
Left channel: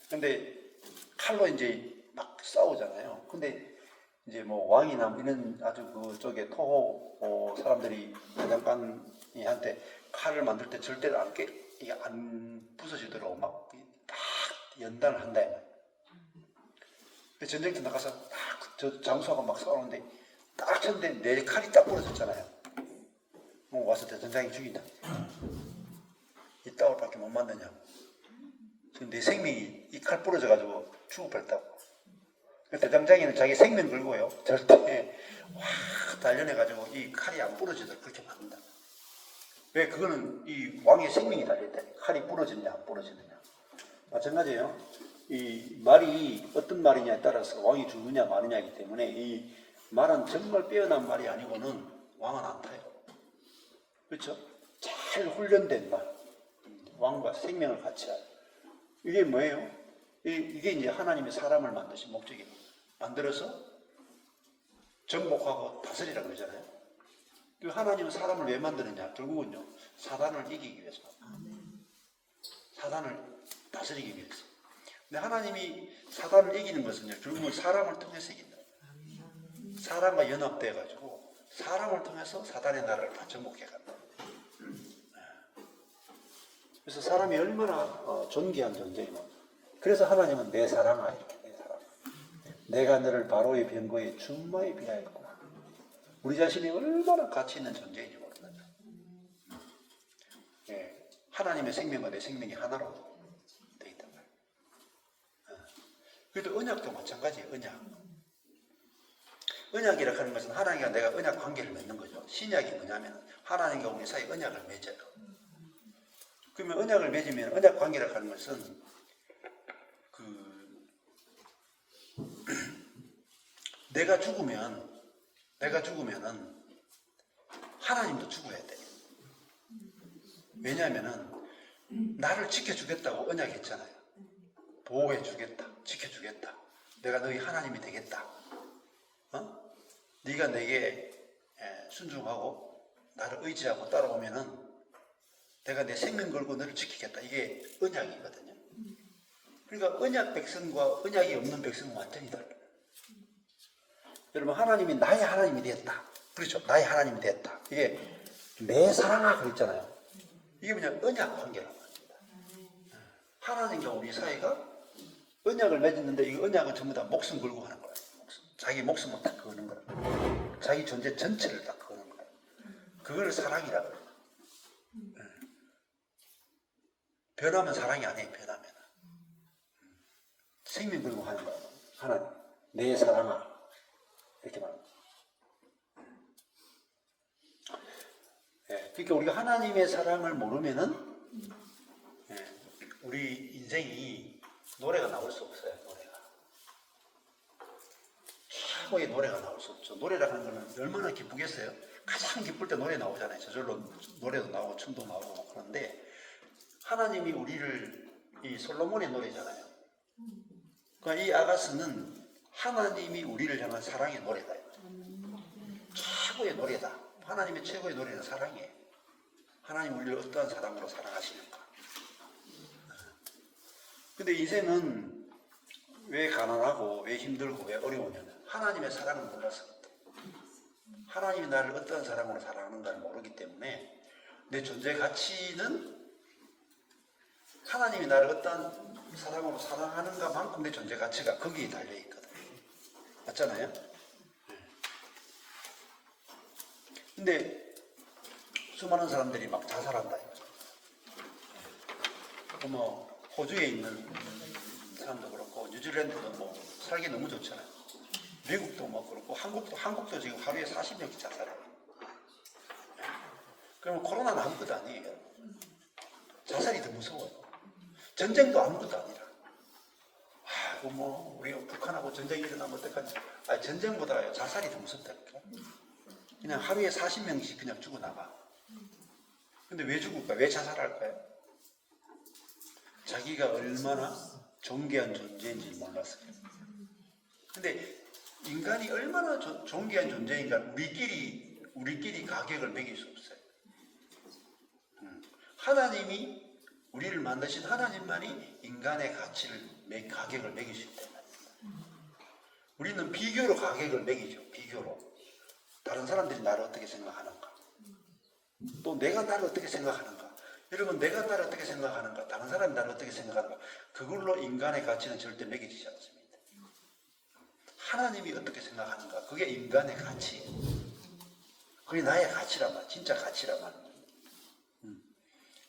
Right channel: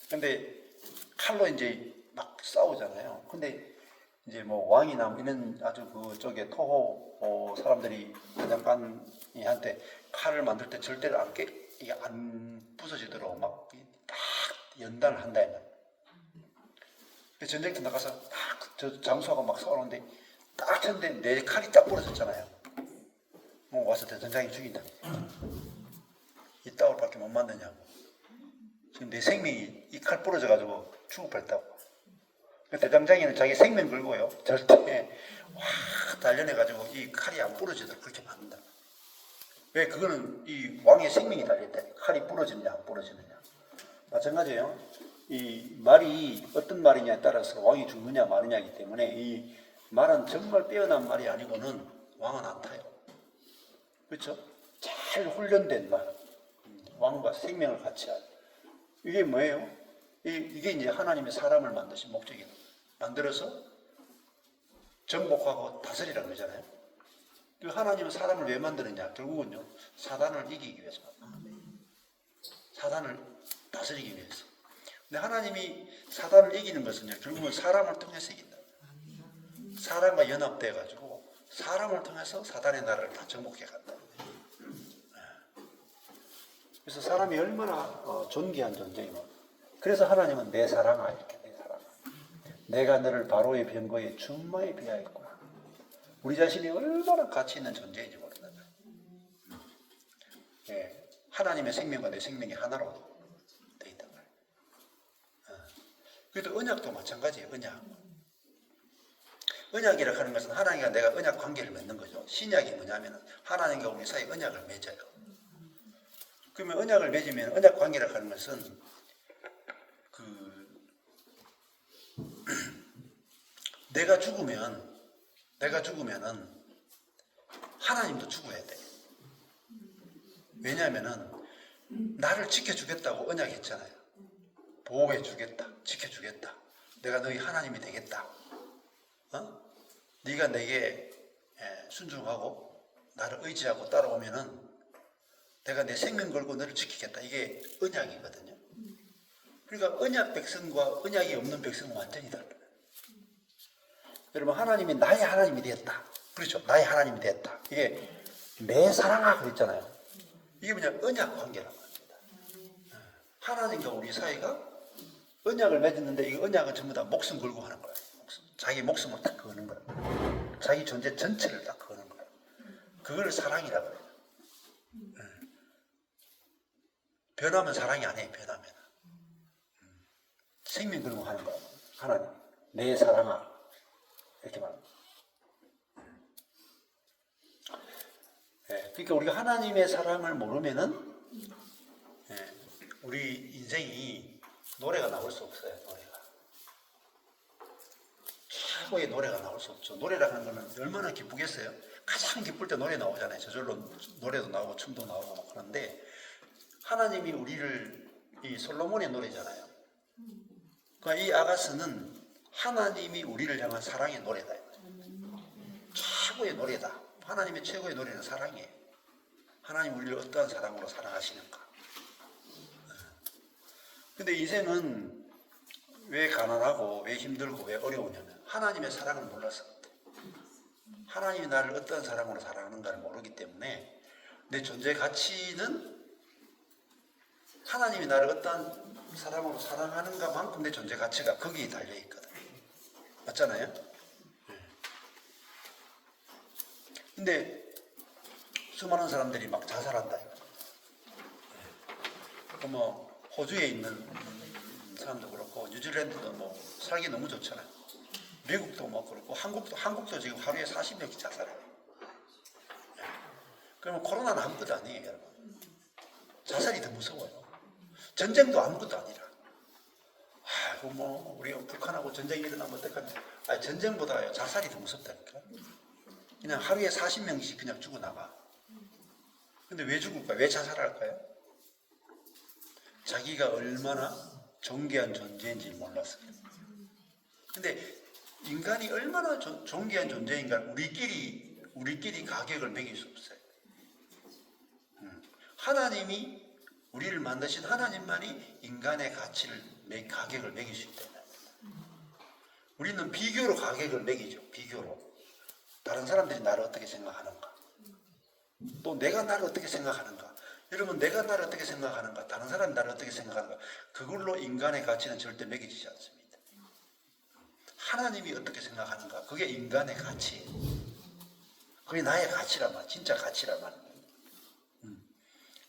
근데 칼로 이제 막 싸우잖아요. 근데 이제 뭐 왕이나 이런 아주 그쪽에 토호 사람들이 대장간이한테 칼을 만들 때 절대로 이게 안 부서지도록 막 딱 연단을 한다. 전쟁터 나가서 딱 장수하고 막 싸우는데 딱 쳤는데 내 칼이 딱 부러졌잖아요. 뭐 와서 대장장이 죽인다. 이따울 밖에 못 만드냐고. 지금 내 생명이 이 칼 부러져가지고 죽을 뻔했다고. 대장장이는 자기 생명 걸고요. 절대 확 단련해가지고 이 칼이 안 부러지도록 그렇게 만든다. 왜? 그거는 이 왕의 생명이 달려있다. 칼이 부러지느냐 안 부러지느냐. 마찬가지예요. 이 말이 어떤 말이냐에 따라서 왕이 죽느냐 마느냐이기 때문에 이 말은 정말 빼어난 말이 아니고는 왕은 안 타요. 그렇죠? 잘 훈련된 말. 왕과 생명을 같이 할. 이게 뭐예요? 이게 이제 하나님의 사람을 만드신 목적이에요. 만들어서 정복하고 다스리라는 거잖아요. 하나님은 사람을 왜 만드느냐? 결국은요, 사단을 이기기 위해서. 사단을 다스리기 위해서. 근데 하나님이 사단을 이기는 것은요, 결국은 사람을 통해서 이긴다. 사람과 연합돼가지고 사람을 통해서 사단의 나라를 다 정복해 간다. 그래서 사람이 얼마나 존귀한 존재이고, 그래서 하나님은 내 사랑아 이렇게 내 사랑. 내가 너를 바로의 병거에 준마에 비하였구나. 우리 자신이 얼마나 가치 있는 존재인지 모르는 거예요. 예, 하나님의 생명과 내 생명이 하나로 되어 있단 말이에요. 그래도 언약도 마찬가지예요. 언약이라고 하는 것은 하나님과 내가 언약 관계를 맺는 거죠. 신약이 뭐냐면 하나님과 우리 사이 언약을 맺어요. 그러면 언약을 맺으면 언약 관계라고 하는 것은 내가 죽으면은 하나님도 죽어야 돼. 왜냐하면은 나를 지켜주겠다고 언약했잖아요. 보호해주겠다, 지켜주겠다. 내가 너희 하나님이 되겠다. 네가 내게 순종하고 나를 의지하고 따라오면은 내가 내 생명 걸고 너를 지키겠다. 이게 언약이거든요. 그러니까 언약 백성과 언약이 없는 백성은 완전히 달라요. 여러분, 하나님이 나의 하나님이 되었다. 그렇죠. 나의 하나님이 되었다. 이게 내 사랑하고 그랬잖아요. 이게 그냥 언약 관계라고 합니다. 하나님과 우리 사이가 언약을 맺었는데 이 언약은 전부 다 목숨 걸고 하는 거예요. 자기 목숨을 딱 거는 거예요. 자기 존재 전체를 딱 거는 거예요. 그걸 사랑이라고 해요. 변하면 사랑이 아니에요. 변하면 생명 걸고 하는 거예요. 하나님 내 사랑아 이렇게 말합니다. 그러니까 우리가 하나님의 사랑을 모르면은 우리 인생이 노래가 나올 수 없어요. 최고의 노래가 나올 수 없죠. 노래라고 하는 거는 얼마나 기쁘겠어요. 가장 기쁠 때 노래 나오잖아요. 저절로 노래도 나오고 춤도 나오고 그런데 하나님이 우리를 이 솔로몬의 노래잖아요. 그러니까 이 아가스는 하나님이 우리를 향한 사랑의 노래다. 최고의 노래다. 하나님의 최고의 노래는 사랑이에요. 하나님 우리를 어떠한 사랑으로 사랑하시는가. 근데 인생은 왜 가난하고 왜 힘들고 왜 어려우냐면 하나님의 사랑을 몰라서 하나님이 나를 어떤 사랑으로 사랑하는가를 모르기 때문에 내 존재 가치는 하나님이 나를 어떤 사랑으로 사랑하는가만큼 내 존재 가치가 거기에 달려있거든. 맞잖아요? 근데 수많은 사람들이 막 자살한다. 뭐 호주에 있는 사람도 그렇고 뉴질랜드도 뭐 살기 너무 좋잖아요. 미국도 뭐 그렇고 한국도 지금 하루에 40명씩 자살해요. 그러면 코로나는 아무것도 아니에요. 여러분. 자살이 더 무서워요. 전쟁도 아무것도 아니라. 뭐 우리 북한하고 전쟁이 일어나면 어떡하냐. 전쟁보다 자살이 더 무섭다니까. 그냥 하루에 40명씩 그냥 죽어나가. 근데 왜 죽을까? 왜 자살할까요? 자기가 얼마나 존귀한 존재인지 몰라서. 근데 인간이 얼마나 존귀한 존재인가 우리끼리 가격을 매길 수 없어요. 하나님이 우리를 만드신 하나님만이 인간의 가격을 매길 수 있다. 우리는 비교로 가격을 매기죠. 비교로. 다른 사람들이 나를 어떻게 생각하는가. 또 내가 나를 어떻게 생각하는가. 여러분, 내가 나를 어떻게 생각하는가, 다른 사람이 나를 어떻게 생각하는가, 그걸로 인간의 가치는 절대 매겨지지 않습니다. 하나님이 어떻게 생각하는가, 그게 인간의 가치. 그게 나의 가치란 말, 진짜 가치란 말.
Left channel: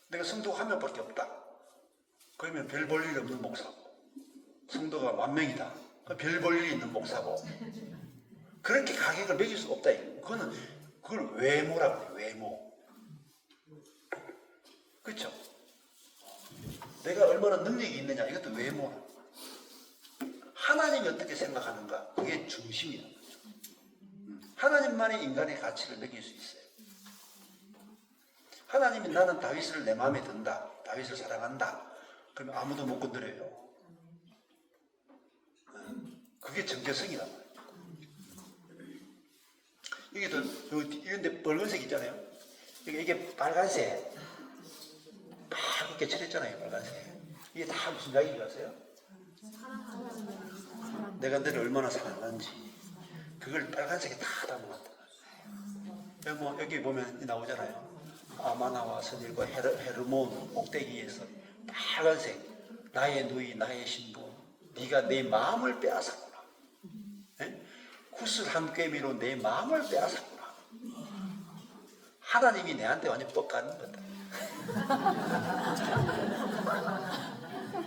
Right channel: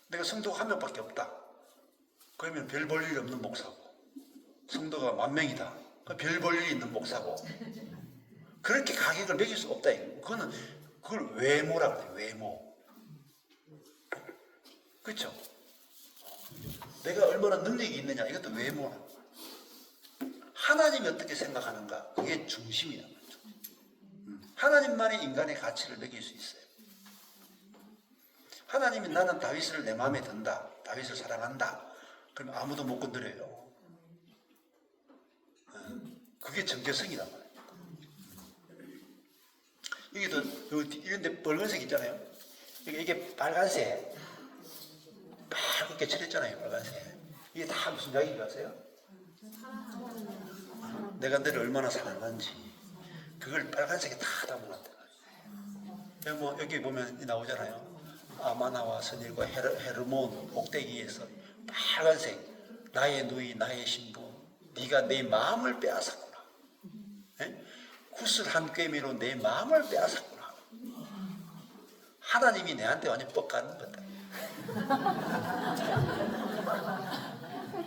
내가 성도가 한 명밖에 없다. 그러면 별 볼 일 없는 목사고, 성도가 10,000명이다. 별 볼 일 있는 목사고. 그렇게 가격을 매길 수가 없다. 그걸 외모라고 해요. 외모. 그렇죠? 내가 얼마나 능력이 있느냐, 이것도 외모. 하나님이 어떻게 생각하는가, 그게 중심이다. 하나님만이 인간의 가치를 매길 수 있어요. 하나님이 나는 다윗을 내 마음에 든다, 다윗을 사랑한다. 그럼 아무도 못 건드려요. 그게 정체성이란 말이에요. 이게 이런데 붉은색 있잖아요. 이게 빨간색, 밝게 칠했잖아요. 빨간색. 이게 다 무슨 이야기가 아세요? 내가 너를 얼마나 사랑하는지 그걸 빨간색에 다 담아놨다. 뭐 여기 보면 나오잖아요. 아마나와 선일과 헤르몬 꼭대기에서 빨간색, 나의 누이 나의 신부, 네가 내 마음을 빼앗았구나. 구슬 한 꿰미로 내 마음을 빼앗았구나. 하나님이 내한테 완전 뻑가는 거다.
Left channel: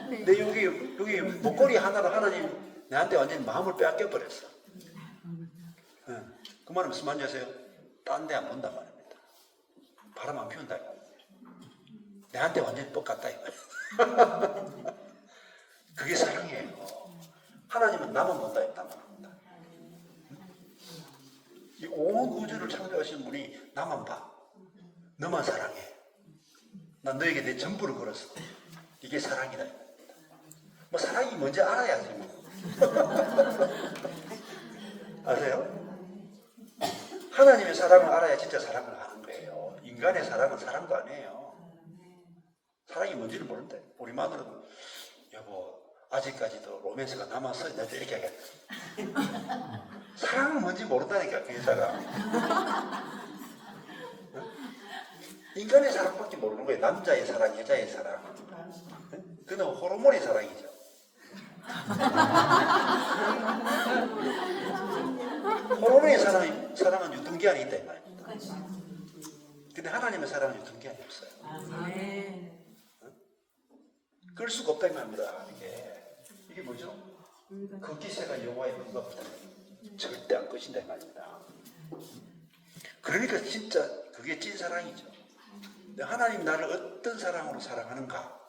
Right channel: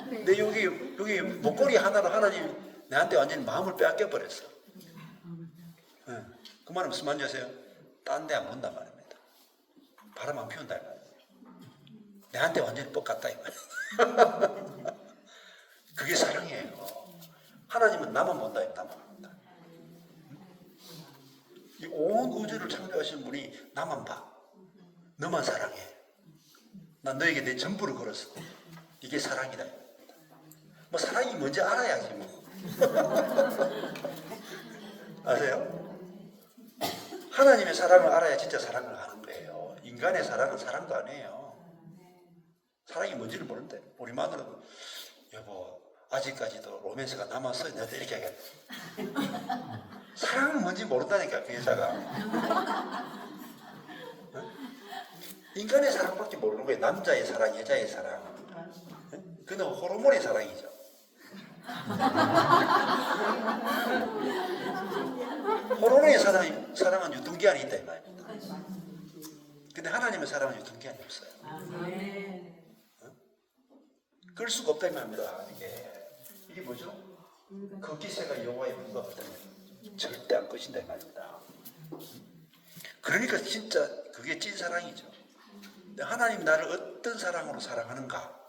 근데 여기 목걸이 하나로 하나님 내한테 완전 마음을 빼앗겨 버렸어. 네. 그 말은 무슨 말인지 아세요? 딴 데 안 본단 말입니다. 바람 안 피운다. 내한테 완전히 똑같다 이 말이야. 그게 사랑이에요. 하나님은 나만 본다, 나만 본다. 이 온 우주를 창조하신 분이 나만 봐. 너만 사랑해. 난 너에게 내 전부를 걸었어. 이게 사랑이다. 뭐 사랑이 뭔지 알아야지 뭐. 아세요? 하나님의 사랑을 알아야 진짜 사랑을 하는 거예요. 인간의 사랑은 사랑도 아니에요. 사랑이 뭔지를 모른대. 우리 마누라도 여보 아직까지도 로맨스가 남았어. 내가 이렇게 하겠다. 사랑은 뭔지 모른다니까 그 여자가. 인간의 사랑밖에 모르는 거예요. 남자의 사랑, 여자의 사랑. 그는 호르몬의 사랑이죠. 호르몬의 사랑은 유통기한이 있다 이 말입니다. 근데 하나님의 사랑은 유통기한이 없어요. 끌 수가 없다 이 말입니다. 이게 뭐죠? 그 기세가 여호와의 눈가 없다. 절대 안 꺼진다 이 말입니다. 그러니까 진짜 그게 찐 사랑이죠. 근데 하나님 나를 어떤 사랑으로 사랑하는가?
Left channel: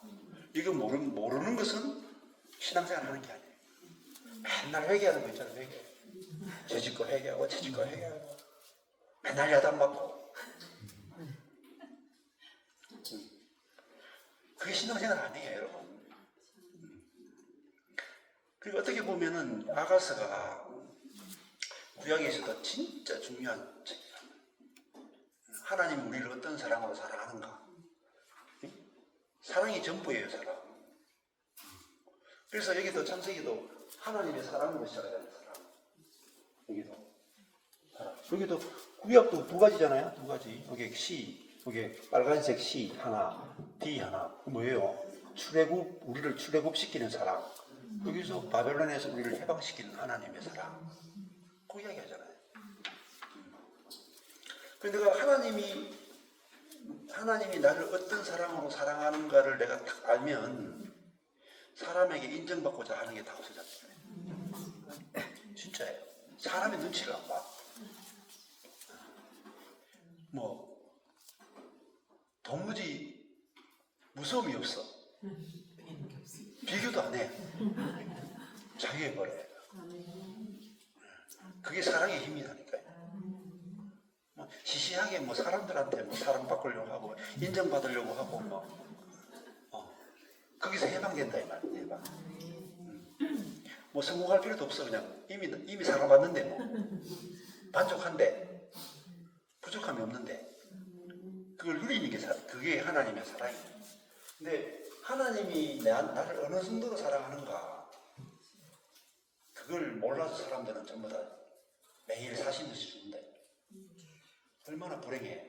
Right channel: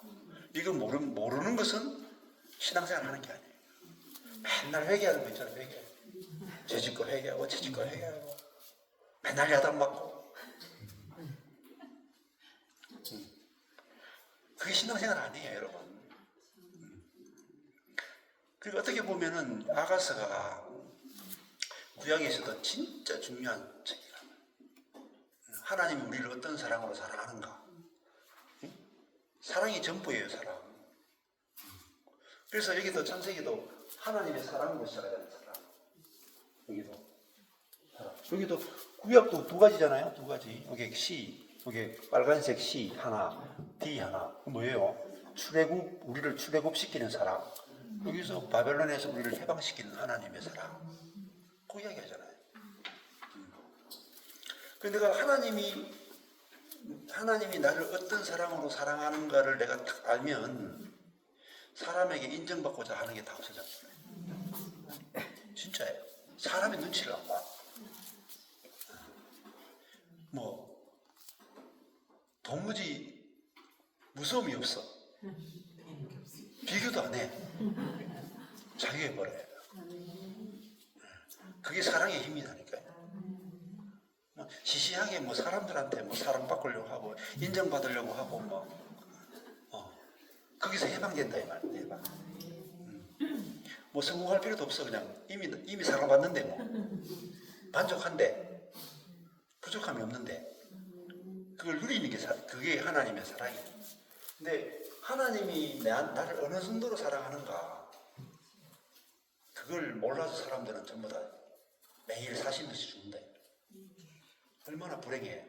이거 모르는 것은 신앙생활 하는 게 아니에요. 맨날 회개하는 거 있잖아요. 회개. 죄짓고 회개하고 죄짓고 회개하고 맨날 야단 맞고. 그게 신앙생활 아니에요 여러분. 그리고 어떻게 보면은 아가서가 구약에서도 진짜 중요한 책이에요. 하나님이 우리를 어떤 사랑으로 사랑하는가. 사랑이 전부예요. 사랑. 그래서 여기도 창세기도 하나님의 사랑으로 시작하는 사랑. 여기도 사랑. 여기도 구약도 두 가지잖아요. 두 가지. 여기 시, 여기 빨간색 시 하나, D 하나. 뭐예요? 우리를 출애굽시키는 사랑. 여기서 바벨론에서 우리를 해방시키는 하나님의 사랑. 그 이야기 하잖아요. 근데 내가 하나님이 나를 어떤 사랑으로 사랑하는가를 내가 딱 알면 사람에게 인정받고자 하는 게 다 없어져요. 진짜예요. 사람의 눈치를 안 봐. 뭐 도무지 무서움이 없어. 비교도 안 해. 자유해버려요. 그게 사랑의 힘이라니까요. 시시하게 뭐 사람들한테 뭐 사랑받으려고 하고 인정받으려고 하고 거기서 해방된다 이 말이에요. 해방. 뭐 성공할 필요도 없어. 그냥 이미 사랑받는데 뭐 만족한데 부족함이 없는데 그걸 누리는 게 그게 하나님의 사랑이에요. 근데 하나님이 나를 어느 정도로 사랑하는가 그걸 몰라서 사람들은 전부 다 매일 사시면서 죽는다. 얼마나 불행해.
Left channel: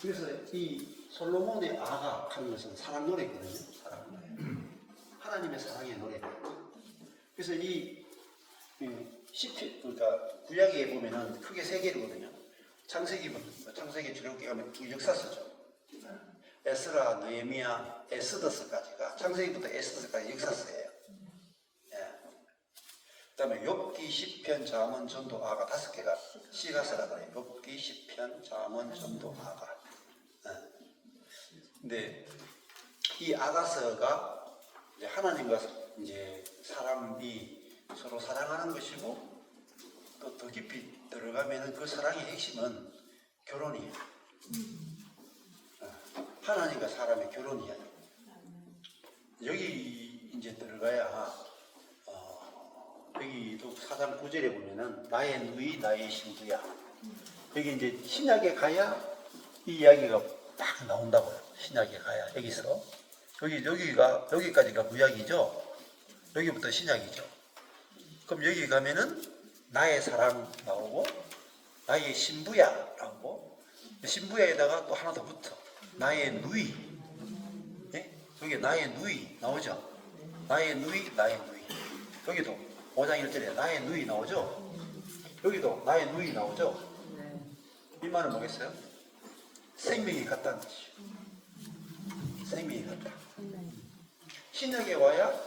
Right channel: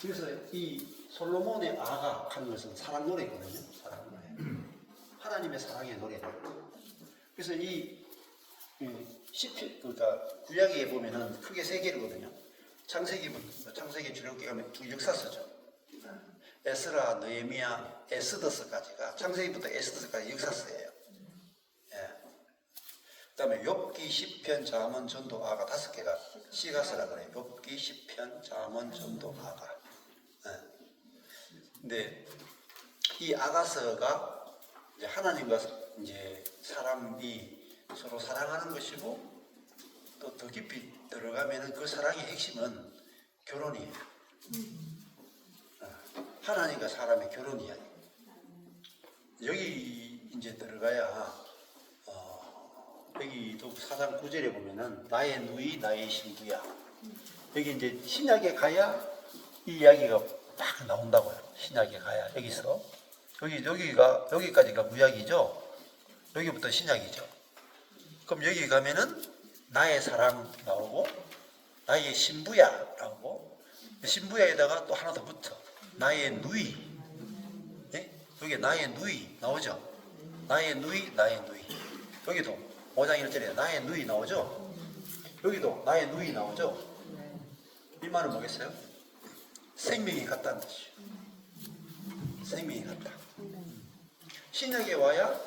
그래서 이 솔로몬의 아가 하는 것은 사랑 노래거든요. 사랑 노래. 하나님의 사랑의 노래예요. 그래서 이 시편, 그러니까 구약에 보면은 크게 세 개거든요. 창세기 주력기 가면 역사서죠. 에스라, 느헤미야, 에스더서까지가 창세기부터 에스더서까지 역사서예요. 그다음에 욥기, 시편, 잠언, 전도, 아가 5개가 시가서라 그래요. 욥기, 시편, 잠언, 전도, 아가. 근데 이 아가서가 이제 하나님과 이제 사람이 서로 사랑하는 것이고 또 더 깊이 들어가면은 그 사랑의 핵심은 결혼이에요. 하나님과 사람의 결혼이야. 여기 이제 들어가야 여기도 4장 9절에 보면은 나의 누이 나의 신부야. 여기 이제 신약에 가야 이 이야기가 딱 나온다고요. 신약에 가야 여기서 여기까지가 구약이죠. 여기부터 신약이죠. 그럼 여기 가면은 나의 사랑 나오고 나의 신부야 나오고 신부야에다가 또 하나 더 붙어. 나의 누이. 네? 여기 나의 누이 나오죠. 나의 누이, 나의 누이. 여기도 5장 1절에 나의 누이 나오죠? 여기도 나의 누이 나오죠? 이 말은 뭐겠어요? 생명이 같다는 뜻이죠. 생명이 같다. 신약에 와야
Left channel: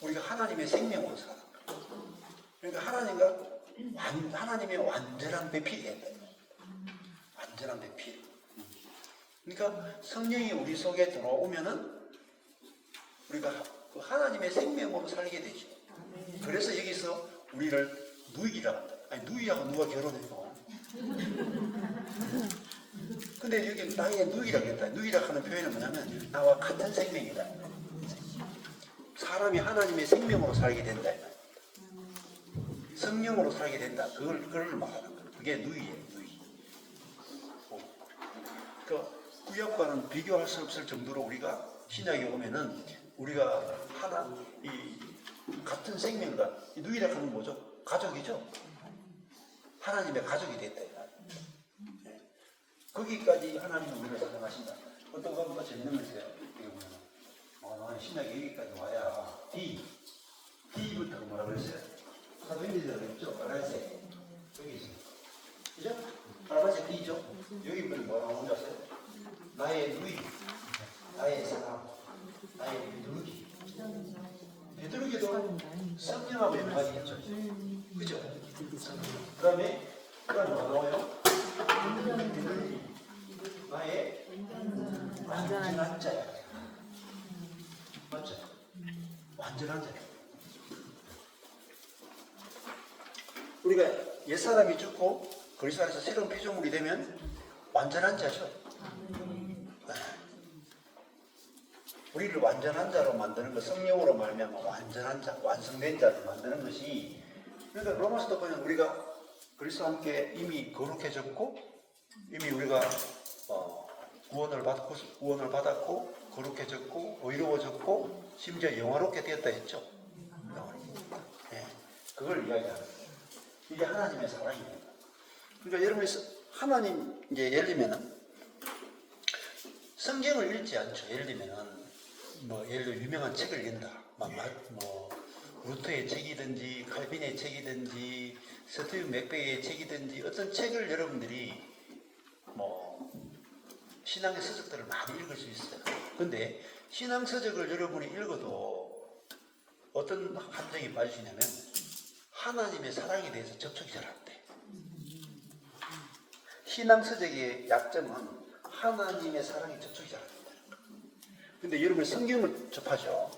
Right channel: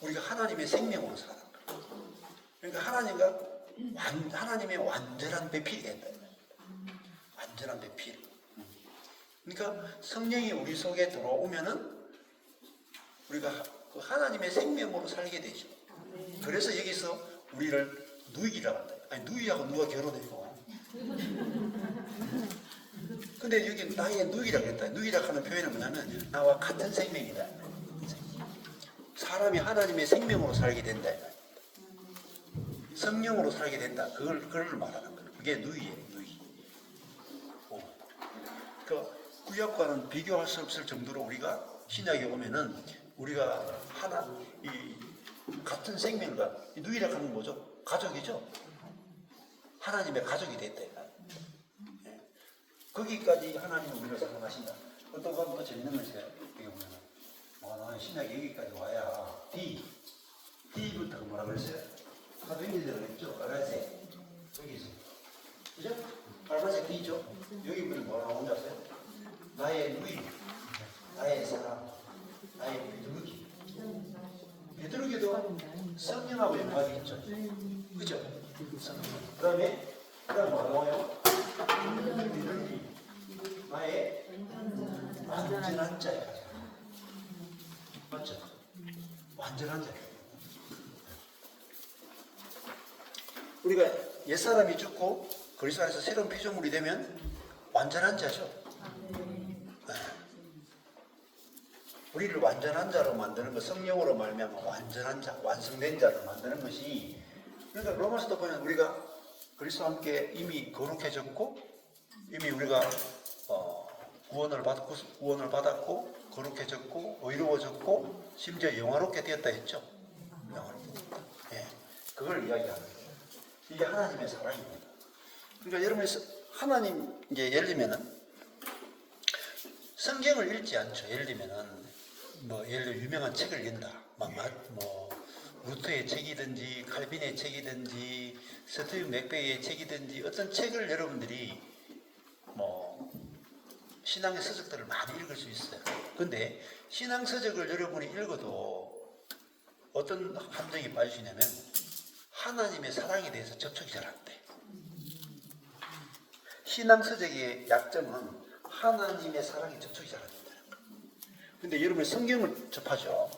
우리가 하나님의 생명으로 살아. 그러니까 하나님의 완전한 배필이 된다. 완전한 배필. 그러니까 성령이 우리 속에 들어오면은 우리가 그 하나님의 생명으로 살게 되죠. 그래서 여기서 우리를 누이라고 한다. 아니 누이하고 누가 결혼해요? 근데 여기 나의 누이라고 했다. 누이라고 하는 표현은 뭐냐면 나와 같은 생명이다. 사람이 하나님의 생명으로 살게 된다. 성령으로 살게 된다. 그걸 말하는 거예요. 그게 누이예요. 누이. 그 구약과는 비교할 수 없을 정도로 우리가 신약에 오면은 우리가 같은 생명과 누이라고 하는 뭐죠? 가족이죠. 하나님의 가족이 됐다. 거기까지 하나님은 우리가 사랑하신다. 어떤 건 더 재밌는 거 있어요. 이게 뭐냐면 신약에 여기까지 와야 D부터 뭐라고 그랬어요? 사도행전에 있죠? 빨간색 여기 있어요. 그죠? 빨간색 D죠? 여기 보면 뭐라고 하는 줄 아세요? 나의 누이, 나의 사랑, 나의 비둘기. 비둘기도 성령하고 연관이 있죠. 그죠? 그 다음에 뭐라고 나와요? 비둘기, 나의 완전한 자야. 맞죠? 완전한 자야. 우리가 옛사람이 죽고 그리스도 안에서 새로운 피조물이 되면 완전한 자죠. 우리를 완전한 자로 만드는 것, 성령으로 말하면 완전한 자, 완성된 자로 만드는 것이, 그러니까 로마서도 보면 우리가 그리스도와 함께 이미 거룩해졌고, 이미 우리가 구원을 받았고, 거룩해졌고, 의로워졌고, 심지어 영화롭게 되었다 했죠. 영화롭게 되었다. 예, 그걸 이야기하는 거예요. 이게 하나님의 사랑입니다. 그러니까 여러분이 하나님, 이제 예를 들면은 성경을 읽지 않죠. 예를 들면은 예를 들어 유명한 책을 읽는다. 루터의 책이든지 칼빈의 책이든지 스티븐 맥베이의 책이든지 어떤 책을 여러분들이 신앙의 서적들을 많이 읽을 수 있어요. 근데 신앙 서적을 여러분이 읽어도 어떤 함정이 빠지시냐면 하나님의 사랑에 대해서 접촉이 잘 안 돼. 신앙 서적의 약점은 하나님의 사랑에 접촉이 잘 안 된다. 근데 여러분 성경을 접하죠.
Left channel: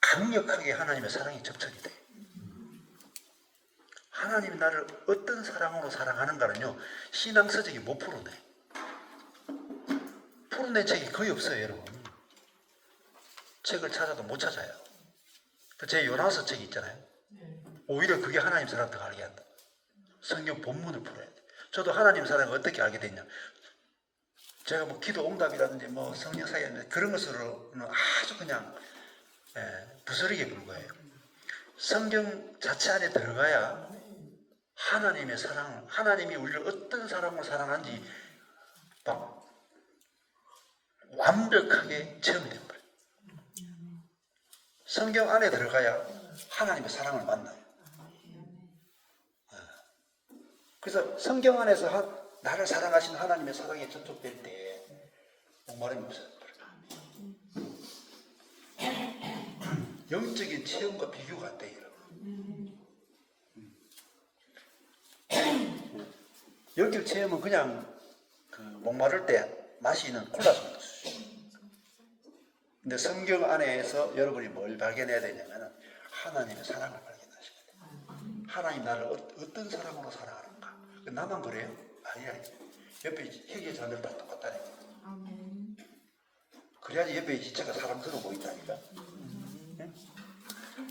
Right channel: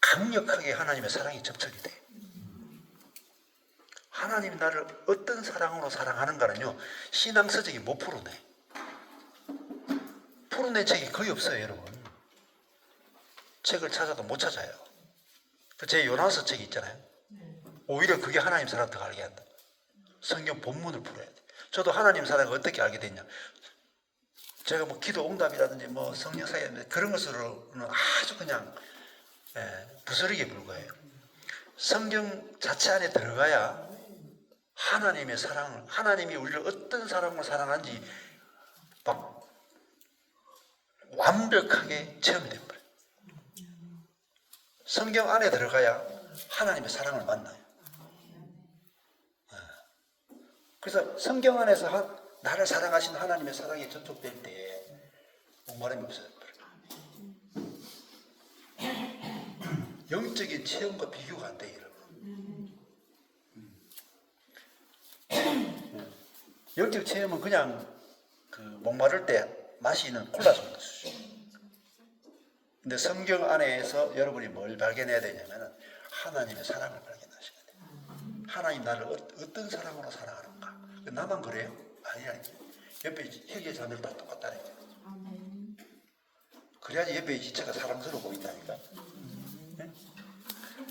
강력하게 하나님의 사랑이 접촉이 돼. 하나님이 나를 어떤 사랑으로 사랑하는가는요, 신앙 서적이 못 풀어내. 풀어낸 책이 거의 없어요, 여러분. 책을 찾아도 못 찾아요. 제 요나서 책이 있잖아요. 오히려 그게 하나님 사랑을 더 알게 한다. 성경 본문을 풀어야 돼. 저도 하나님 사랑을 어떻게 알게 됐냐. 제가 기도 응답이라든지 성령 사역 그런 것으로는 아주 그냥 부스러기에 불과해요. 성경 자체 안에 들어가야 하나님의 사랑, 하나님이 우리를 어떤 사랑으로 사랑하는지 막 완벽하게 체험이 됩니다. 성경 안에 들어가야 하나님의 사랑을 만나요. 그래서 성경 안에서 나를 사랑하신 하나님의 사랑에 접촉될 때 목마름이 없어요. 영적인 체험과 비교가 안 돼요. 영적 체험은 그냥 목마를 때 마시는 콜라 정도. 근데 성경 안에서 여러분이 뭘 발견해야 되냐면 하나님의 사랑을 발견하셔야 돼요. 하나님 나를 어떤 사랑으로 사랑하는가. 나만 그래요? 아니야. 옆에 회개 자녀들 다 똑같다니까. 그래야지 옆에 지체가 사랑스러워 보인다니까. 응?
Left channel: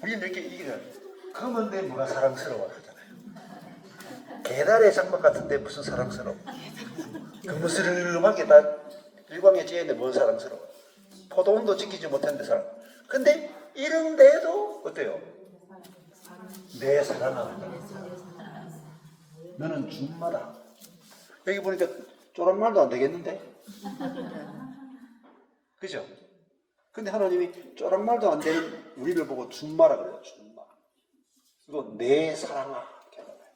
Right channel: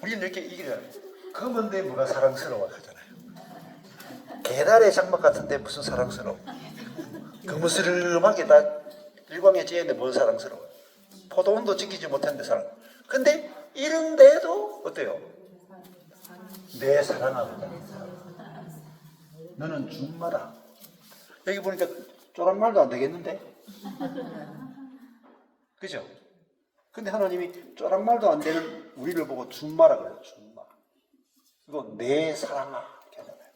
우리는 이렇게 검은데 뭐가 사랑스러워 하잖아요. 계달의 장막 같은데 무슨 사랑스러워. 그무스름하게 다 일광에 찌는데 뭔 사랑스러워. 포도원도 지키지 못했는데 사랑. 근데 이런데도 어때요? 내 사랑한다. 너는 주마다. 여기 보니까 쪼랑말도 안 되겠는데? 그죠? 근데 하나님이 쪼랑말도 안 되는 우리를 보고 준마라 그래요. 준마. 그리고 내 사랑아 이렇게 하잖아요.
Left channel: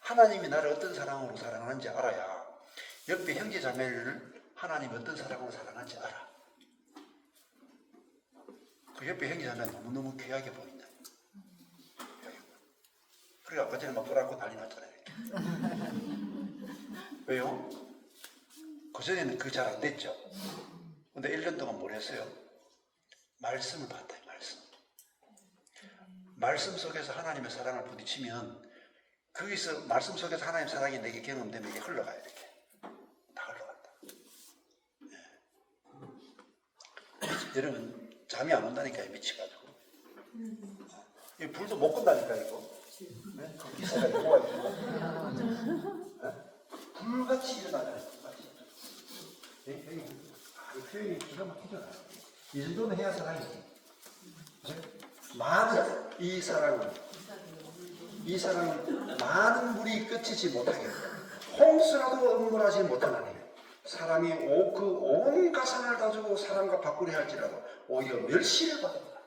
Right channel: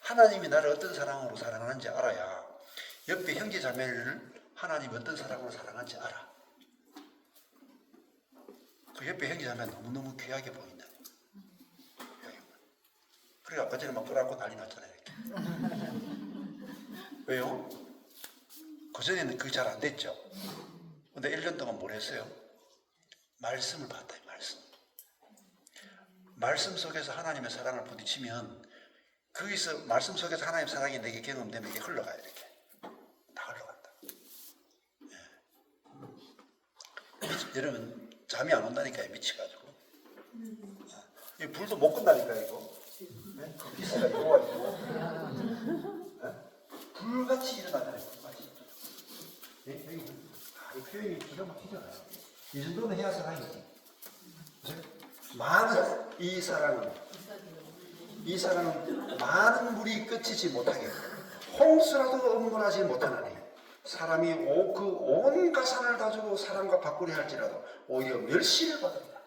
하나님이 나를 어떤 사랑으로 사랑하는지 알아야 옆에 형제 자매를 하나님이 어떤 사랑으로 사랑하는지 알아. 그 옆에 형제 자매는 너무너무 귀하게 보인다. 그래 아까 전에 막 끌어안고 난리 났잖아요. 왜요? 그전에는 그게 잘 안 됐죠. 근데 1년 동안 뭘 했어요? 말씀을 봤다. 말씀 속에서 하나님의 사랑을 부딪히면 거기서 말씀 속에서 하나님의 사랑이 내게 경험되면 이게 흘러가요. 이렇게 다 흘러간다. 여러분 잠이 안 온다니까요. 미치가지고. 이 불도 못 끈다니까 이거. 네? 그 기사가 영화가 있고 불같이 일어나잖아요. 불같이. 이 표현이 기가 막히잖아요. 이 정도는 해야 사랑이지. 많은 이 사랑은 많은 물이 끝이지 못하게 홍수라도 응원하지 못하나니 사람이 그 온 가산을 가지고 사람과 바꾸려 할지라도 오히려 멸시를 받는다.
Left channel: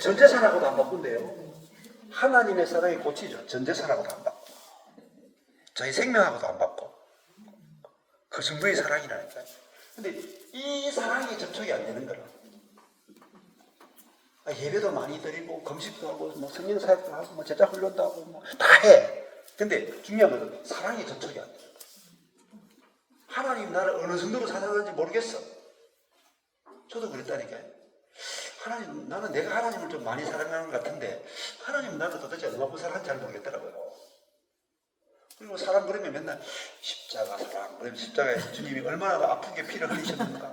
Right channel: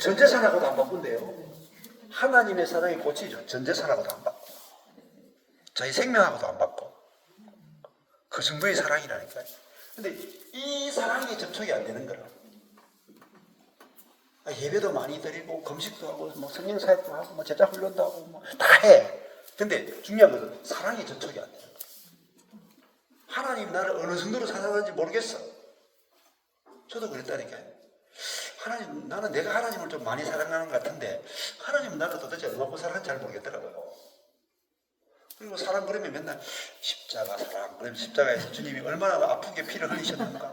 전재산하고도 안 바꾼대요. 하나님의 사랑이 고치죠. 전재산하고도 안 바꿔. 자기 생명하고도 안 바꿔. 그 정도의 사랑이라니까요. 근데 이 사랑이 접촉이 안 되는 거라. 예배도 많이 드리고 금식도 하고 뭐 성령 사역도 하고 뭐 제자 훈련도 하고 뭐 다 해. 근데 중요한 것은 사랑이 접촉이 안 돼. 하나님 나를 어느 정도로 사랑하는지 모르겠어. 저도 그랬다니까요. 하나님 나는 내가 하나님을 좀 많이 사랑하는 것 같은데 하나님은 나를 도대체 얼마큼 사랑하는지 잘 모르겠더라고요. 그리고 사람 부르면 맨날 십자가 사랑, 그러면 십자가에서 주님이 얼마나 아프게 피를 흘리셨는가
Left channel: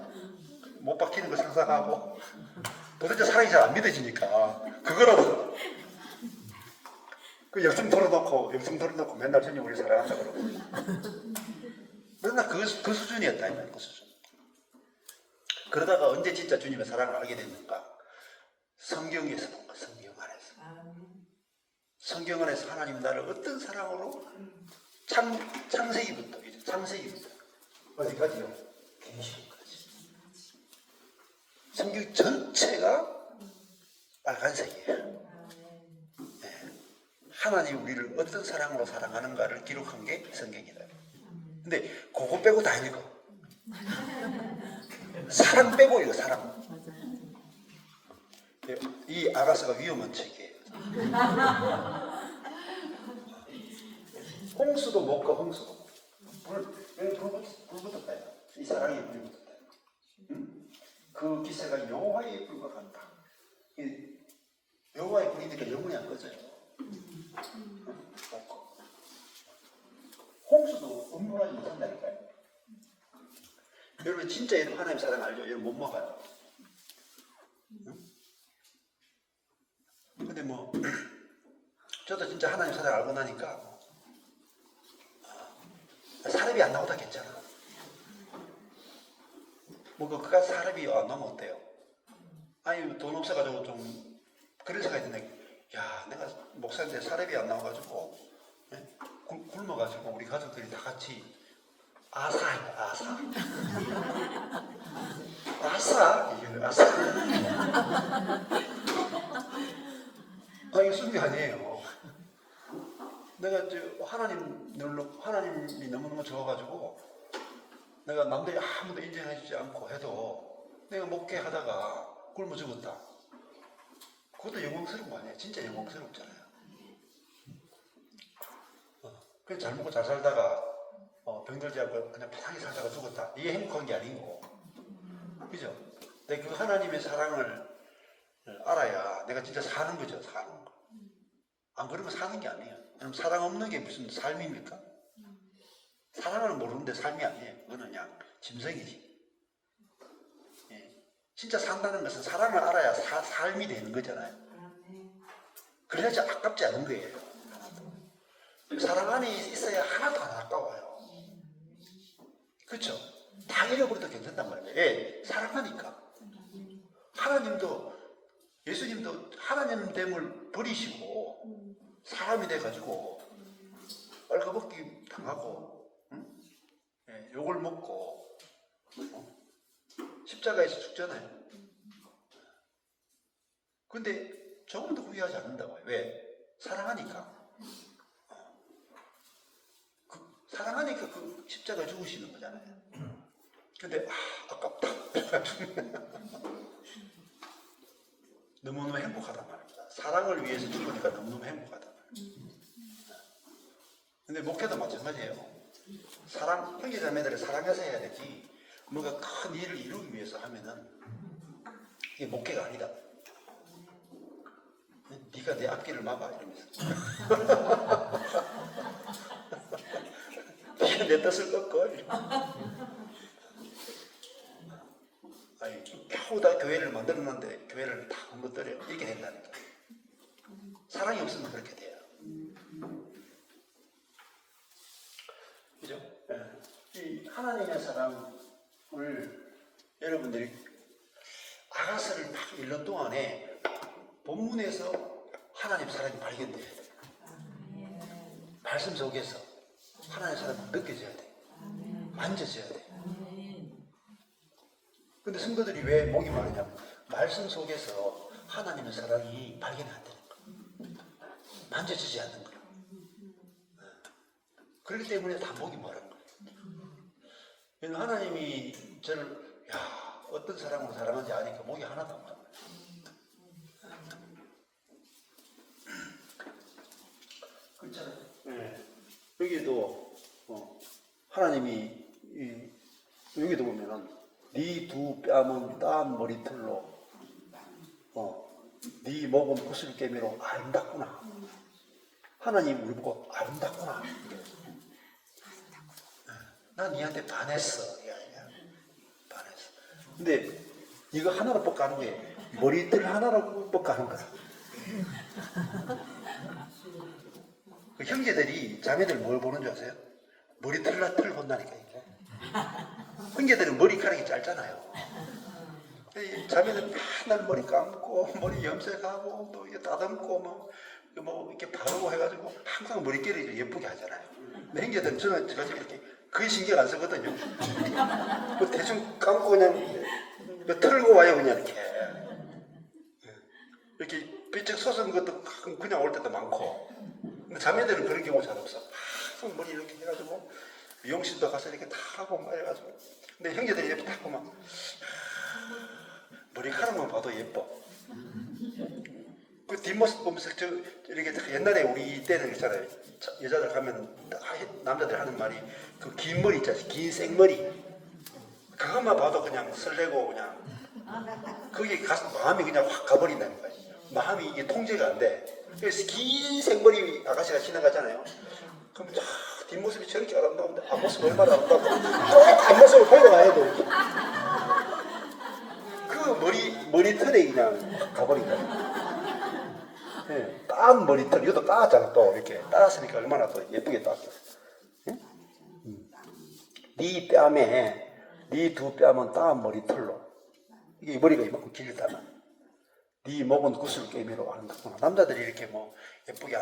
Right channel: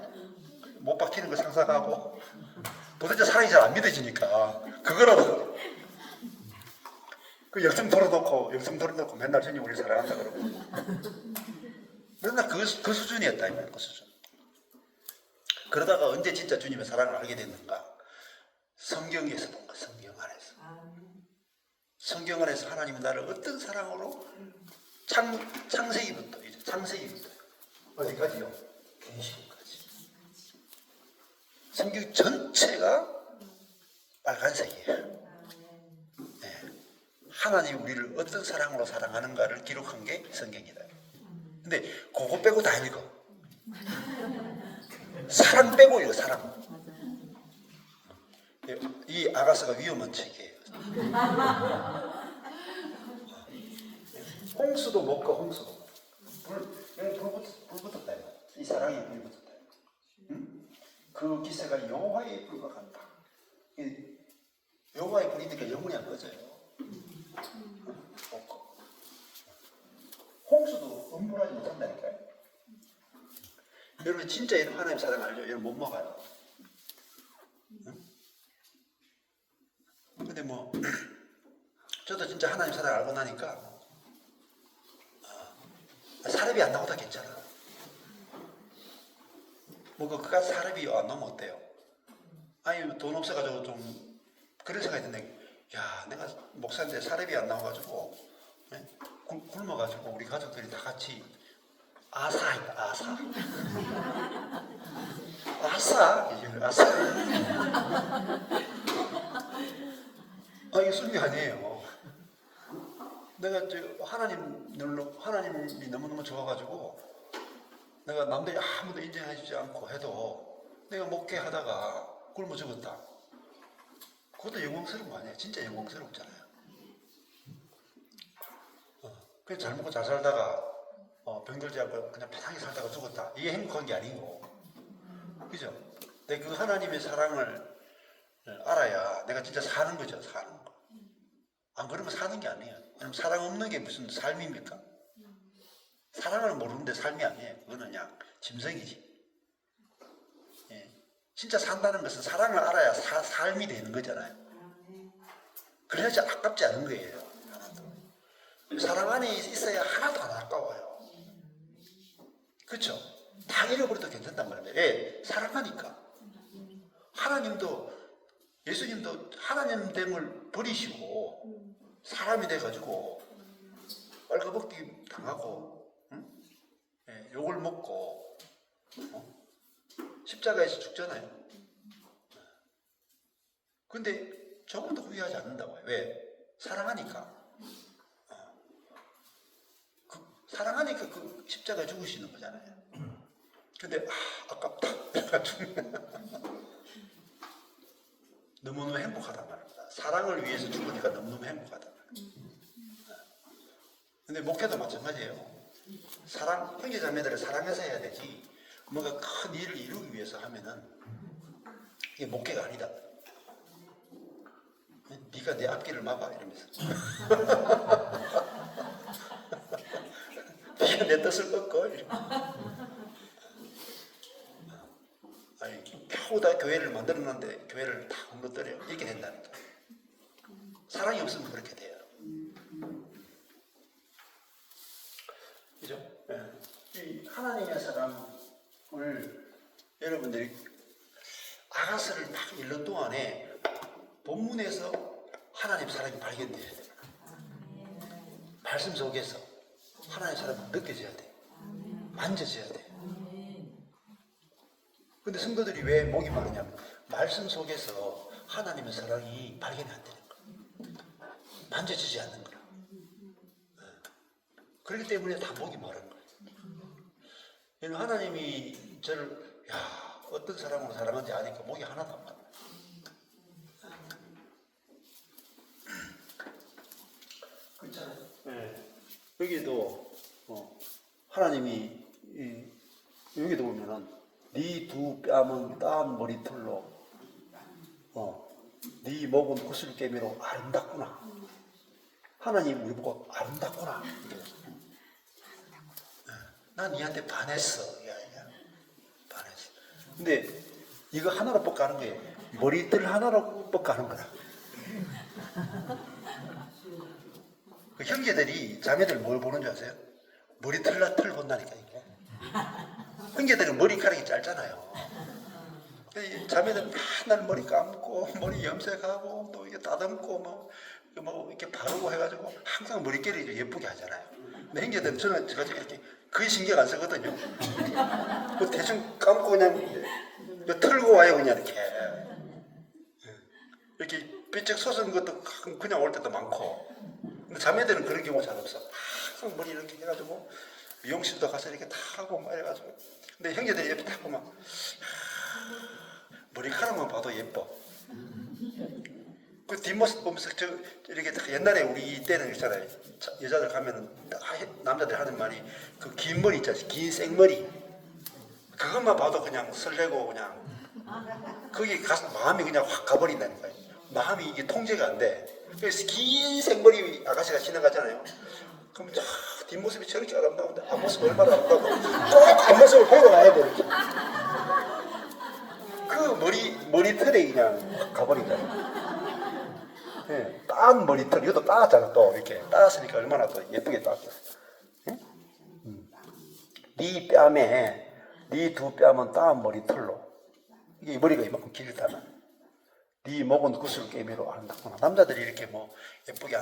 못 박히는 걸 상상하고 도대체 사랑이 잘 안 믿어지니까 그거라고 그 영성 털어놓고 맨날 주님 우리 사랑한다 그러고 맨날 그 수준이었다 이 말이야. 그 수준. 그러다가 언제 진짜 주님의 사랑을 알게 됐는가? 성경에서 본 거야. 성경 안에서 하나님이 나를 어떤 사랑으로 창세기부터 어디까지요? 계시록까지. 성경 전체가 빨간색이에요. 네. 하나님이 우리를 어떤 사랑으로 사랑하는가를 기록한 게 성경이다. 근데 그거 빼고 다 읽어. 사랑 빼고요. 사랑. 이 아가서가 위험한 책이에요. 홍수도 못 가. 홍수도. 불 붙었다. 이 사랑이 불이 붙었다. 응? 그 기세가 여호와의 불과 같다. 여호와의 불이니까 영원히 안 꺼져요. 홍수도 음물하지 못한다니까요. 여러분 진짜 하나님 사랑 알죠? 여러분 못 먹어요. 응? 근데 뭐 저도 진짜 하나님 사랑 알고 나니까 사람이 안 나오다 괜찮아. 뭐 그가 사람이 안 나오면 어때요? 아니 돈 없어가지고 좀 그런 생각이 드는데 야 내가 목사인데 사람이 안 나와가지고 굶어가지고 우리 가족들이 다 같이 아사입니다. 아사 이게 순위 아니에요. 내가 하나님이 너무너무 좋아가지고 내가 남들이 아무도 인정해주지 않고 해도 내가 먹게 하다가 굶어 죽었다. 그것도 영광스러운 거 아니에요? 진짜 영광스럽잖아요. 그냥 잘 먹고 잘 살다가 병들지 않고 그냥 편하게 살다가 죽었다. 이게 행복한 게 아니고, 그죠? 근데 그 하나님의 사랑을 알아야 내가 진짜 사는 거죠. 사는 거. 안 그러면 사는 게 아니에요. 아니면 사랑 없는 게 무슨 삶입니까? 사랑을 모르는데 삶이 아니에요. 그거는 그냥 짐승이지. 예. 진짜 산다는 것은 사랑을 알아야 삶이 되는 거잖아요. 그래야지 아깝지 않은 거예요. 사랑 안에 있어야 하나도 안 아까워요. 그렇죠? 다 잃어버려도 괜찮단 말이에요. 왜? 사랑하니까. 하나님도 예수님도 하나님 됨을 버리시고 사람이 돼가지고 빨가벗기 당하고 응? 예, 욕을 먹고 십자가에서 죽잖아요. 근데 조금도 후회하지 않는다고요. 왜? 사랑하니까. 사랑하니까 그 십자가에 죽으시는 거잖아요. 근데 아깝다. 너무너무 행복하단 말입니다. 사랑을 위해서 죽으니까 너무너무 행복하단 말입니다. 근데 목회도 마찬가지예요. 사랑, 형제자매들을 사랑해서 해야 되지 뭔가 큰 일을 이루기 위해서 하면은 이게 목회가 아니다. 네가 내 앞길을 막아 이러면서 네가 내 뜻을 꺾어. 아니, 겨우 다 교회를 만들었는데 교회를 다 무너뜨려. 이렇게 된다니까. 사랑이 없으면 그렇게 돼요. 그죠? 네. 이 하나님의 사랑을 여러분들이 아가서를 막 읽는 동안에 본문에서 하나님 사랑이 발견돼야 돼요. 말씀 속에서 하나님의 사랑이 느껴져야 돼요. 만져져야 돼요. 근데 성도들이 왜 목이 마르냐면 말씀 속에서 하나님의 사랑이 발견이 안 되는 거예요. 만져지지 않는 거예요. 그렇기 때문에 다 목이 마른 거예요. 하나님이 저를 어떤 사람으로 사랑하는지 아니까 목이 하나도 안 마르요. 그렇잖아요. 네. 여기도 하나님이 여기도 보면은 네 두 뺨은 땀 머리털로 네 목은 구슬깨미로 아름답구나. 하나님 우리 보고 아름답구나. 난 니한테 반했어. 반했어. 근데 이거 하나로 뻑가는 게 머리털 하나로 뻑가는 거야. 그 형제들이 자매들 뭘 보는 줄 아세요? 머리털 본다니까 이거. 형제들은 머리카락이 짧잖아요. 자매들 맨날 머리 감고 머리 염색하고 또 이게 다듬고 뭐 이렇게 바르고 해가지고 항상 머리결이 예쁘게 하잖아요. 근데 형제들은 저는 이렇게 거의 신경 안 쓰거든요. 그 대충 감고 그냥 털고 와요 그냥 이렇게 삐쩍 솟은 것도 그냥 올 때도 많고. 근데 자매들은 그런 경우 잘 없어. 항상 머리 이렇게 해가지고 미용실도 가서 이렇게 다 하고 막 해가지고. 근데 형제들이 옆에 딱 보면 머리카락만 봐도 예뻐. 그 뒷모습 보면서 이렇게 옛날에 우리 때는 있잖아요. 여자들 가면은 남자들 하는 말이 그 긴 머리 있잖아요. 긴 생머리. 그것만 봐도 그냥 설레고 그냥 거기 가서 마음이 그냥 확 가버린다니까요. 마음이 이게 통제가 안 돼. 그래서 긴 생머리 아가씨가 지나가잖아요. 그럼 뒷모습이 저렇게 아름다운데 앞모습 얼마나 아름다워. 저 앞모습을 보고 와야 돼. 그 머리털에 그냥 가버리잖아요. 네, 따은 머리털, 이것도 따았잖아, 또 이렇게 따았으니까 얼마나 또 예쁘게 따았어. 응? 네 뺨에 네 두 뺨은 따은 머리털로 이게 머리가 이만큼 길다면 네 목은 구슬깨미로 아름답구나. 남자들이 이렇게 뭐 예쁘게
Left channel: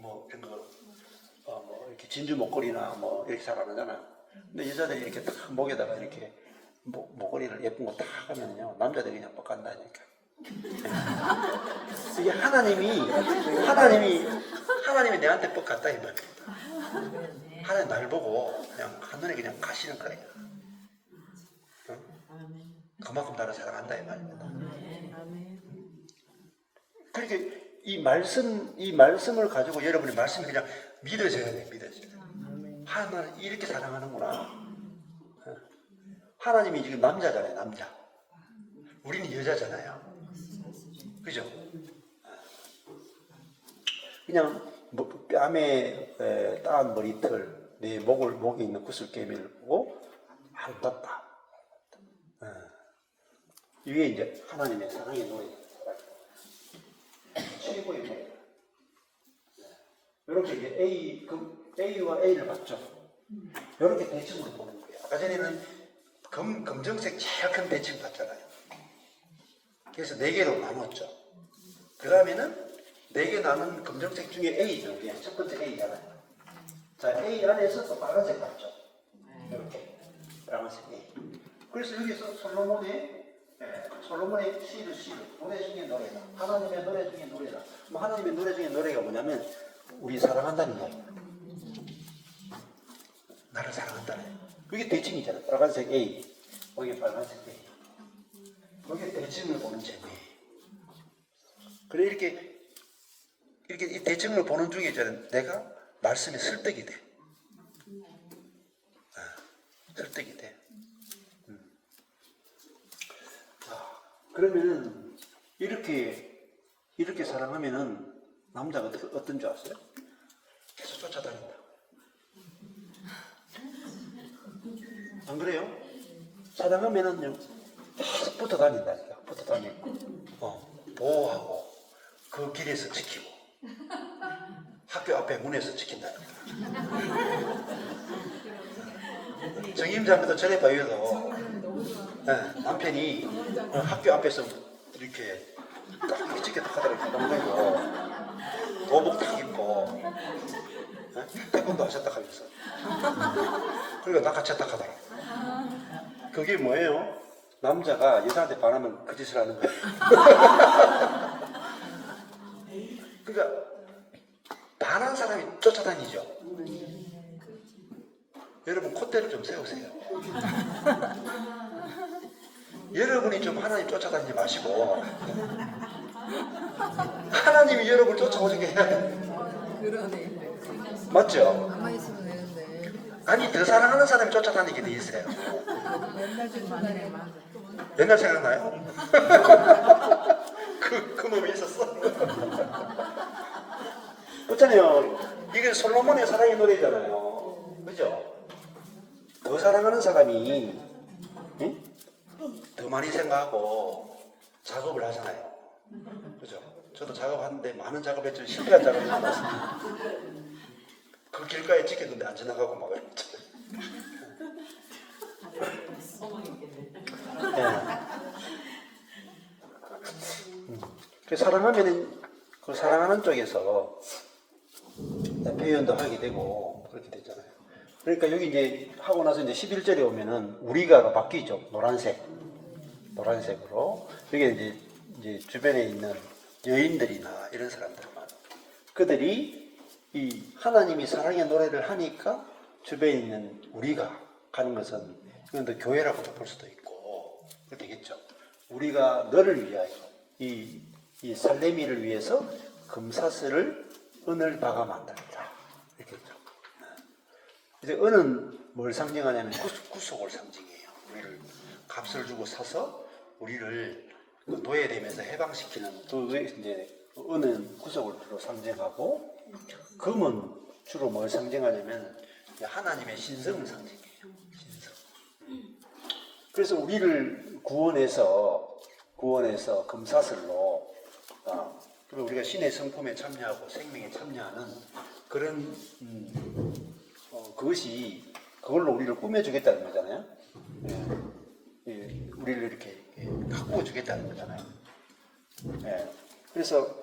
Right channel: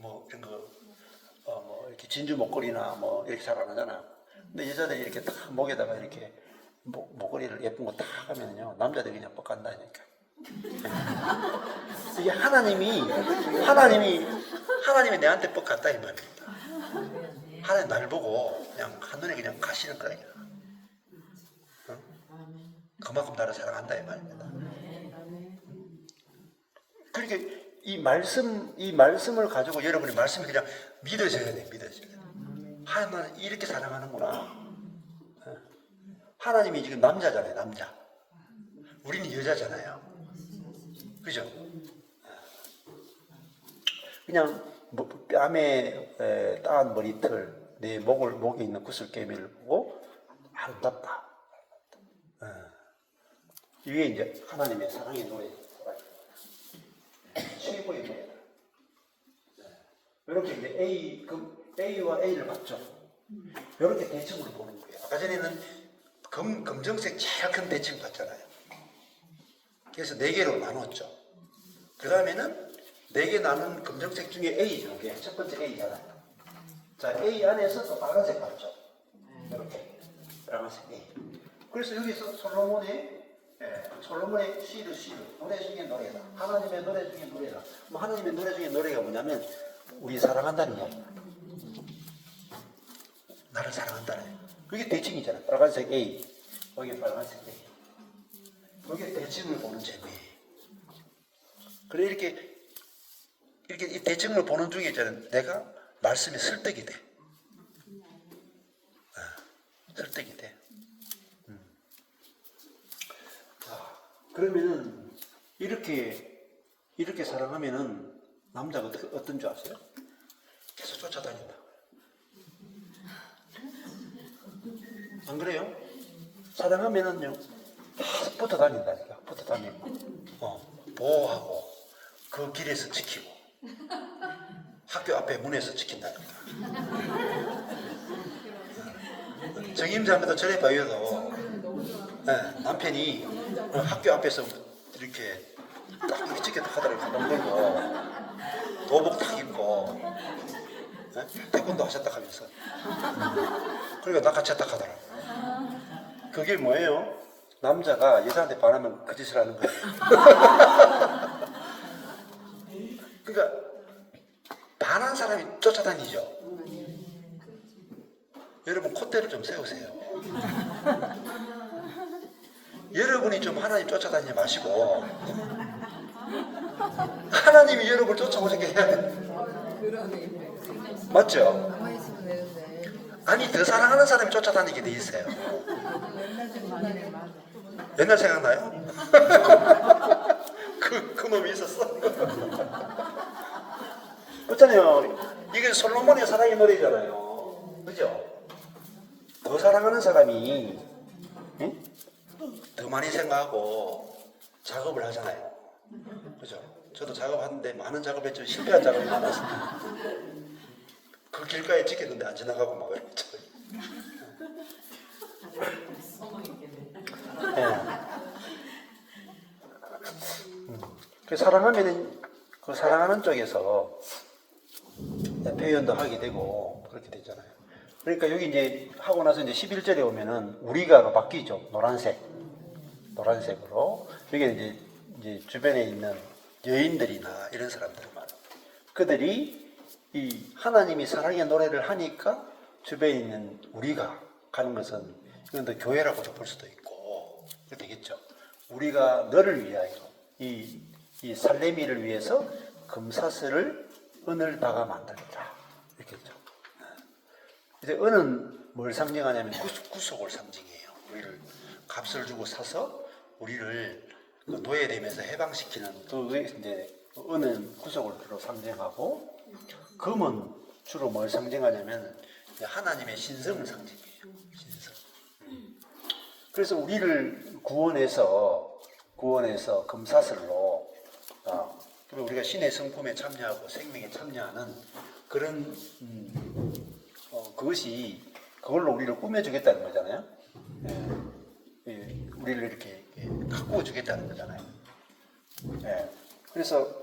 뭐 이런 거 이렇게 진주 목걸이나 뭐 이렇게 잘 안 하잖아요. 근데 여자들이 이렇게 딱 목에다가 이렇게 목걸이를 예쁜 거 딱 하면요 남자들이 그냥 뻑간다니까. 이게 하나님이 내한테 뻑갔다 이 말입니다. 하나님 날 보고 그냥 한눈에 그냥 가시는 거예요. 그만큼 나를 사랑한다 이 말입니다. 그러니까 이 말씀을 가지고 여러분이 말씀이 그냥 믿어져야 돼, 믿어져야 돼. 하나님 이렇게 사랑하는구나. 하나님이 지금 남자잖아요, 남자. 우리는 여자잖아요. 그죠? 그냥 뺨에 따은 머리털, 내 목에 있는 구슬깨미를 보고 아름답다. 이게 이제 하나님의 사랑의 노래. 최고의 노래. 이렇게 이제 A와 A를 봤죠. 이렇게 대칭으로 보는 거예요. 아까 전에는 검정색 제일 큰 대칭 봤잖아요. 그래서 4개로 나눴죠. 그 다음에는 4개 나눈 검정색 중에 A죠. 이게 첫 번째 A잖아요. 자, A 안에서 또 빨간색 봤죠. 이렇게 빨간색 A. 그래서 여기서 솔로몬의 시도 노래 중에 노래다. 하나님의 노래 중에 노래다. 뭐 하나님의 노래 중에 노래가 뭐냐면 우리 사랑한다는 이야기. 나를 사랑한다는. 그게 대칭이잖아. 빨간색 A, 여기 빨간색 A. 여기 대칭을 보는 재미예요. 그래 이렇게 이 대칭을 보는 중에 저는 내가 말씀에 설득이 돼. 설득이 돼. 자, 그러면은 이렇게 사랑하면은 남자가 어떤 줄 아세요? 계속 쫓아다닌다. 안 그래요? 사랑하면은요 계속 붙어 다닌다니까. 붙어 다니고, 보호하고 그 길에서 지키고 학교 앞에 문에서 지킨다니까. 정임자한테도 전에 봐요도 남편이 학교 앞에서 이렇게 딱 이렇게 지켰다 하더라고요. 돈 걸고 도복 딱 입고 태권도 하셨다 하면서 그리고 낚아챘다 하더라고요. 그게 뭐예요? 남자가 여자한테 반하면 그 짓을 하는 거예요. 그러니까 반한 사람이 쫓아다니죠. 여러분 콧대를 좀 세우세요. 여러분이 좀 하나님 쫓아다니지 마시고 하나님이 여러분을 쫓아오게 해야 돼요. 그러네. 맞죠? 가만히 있으면 되는데. 아니 더 사랑하는 사람이 쫓아다니게 돼 있어요. 옛날 생각나네. 옛날 생각나요? 그 놈이 있었어. 그렇잖아요. 이게 솔로몬의 사랑의 노래잖아요. 그죠? 더 사랑하는 사람이 더 많이 생각하고 작업을 하잖아요. 그죠? 저도 작업하는데 많은 작업했죠. 실패한 작업이 많았습니다. 그 길가에 찍혔는데 안 지나가고 막 그랬죠. 그 사랑하면은 그 사랑하는 쪽에서 표현도 하게 되고 그렇게 되잖아요. 그러니까 여기 이제 하고 나서 이제 11절에 오면은 우리가 바뀌죠. 노란색으로. 여기 이제 주변에 있는 여인들이나 이런 사람들만 그들이 이 하나님이 사랑의 노래를 하니까 주변에 있는 우리가 가는 것은 이건 또 교회라고도 볼 수도 있고 그렇게 되겠죠. 우리가 너를 위하여 이 살레미를 위해서 금사슬을 은을 박아 만들었다. 이렇게 했죠. 이제 은은 뭘 상징하냐면 구속을 상징해요. 우리를 값을 주고 사서 우리를 노예되면서 해방시키는 그게 이제 은은 구속을 주로 상징하고 금은 주로 뭘 상징하냐면 하나님의 신성을 상징해요. 신성. 그래서 우리를 구원해서 금사슬로 그리고 우리가 신의 성품에 참여하고 생명에 참여하는 그런 그걸로 우리를 꾸며주겠다는 거잖아요. 우리를 이렇게 가꾸어 주겠다는 거잖아요. 그래서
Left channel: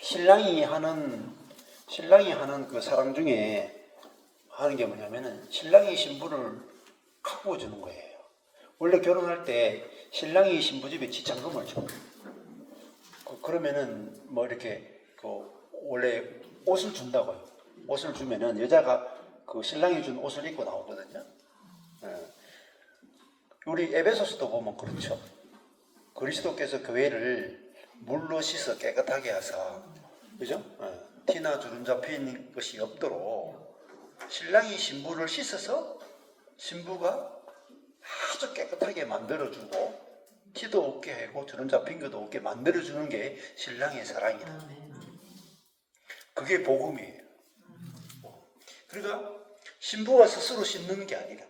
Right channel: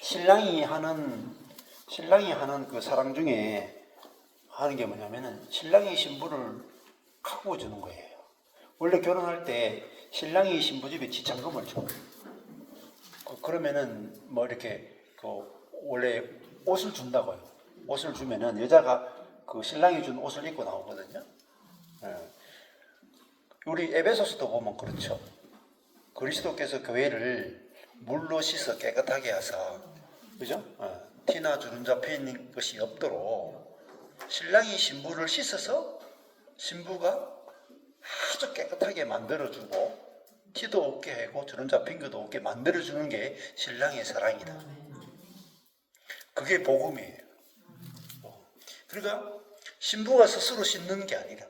신랑이 하는 그 사랑 중에 하는 게 뭐냐면은 신랑이 신부를 가꾸어 주는 거예요. 원래 결혼할 때 신랑이 신부 집에 지참금을 줘. 그러면은 뭐 이렇게 원래 옷을 준다고요. 옷을 주면은 여자가 그 신랑이 준 옷을 입고 나오거든요. 우리 에베소서도 보면 그렇죠. 그리스도께서 교회를 물로 씻어 깨끗하게 하사, 그죠? 티나 주름 잡혀 있는 것이 없도록 신랑이 신부를 씻어서 신부가 아주 깨끗하게 만들어주고 티도 없게 하고 주름 잡힌 것도 없게 만들어주는 게 신랑의 사랑이다. 그게 복음이에요. 그러니까 신부가 스스로 씻는 게 아니라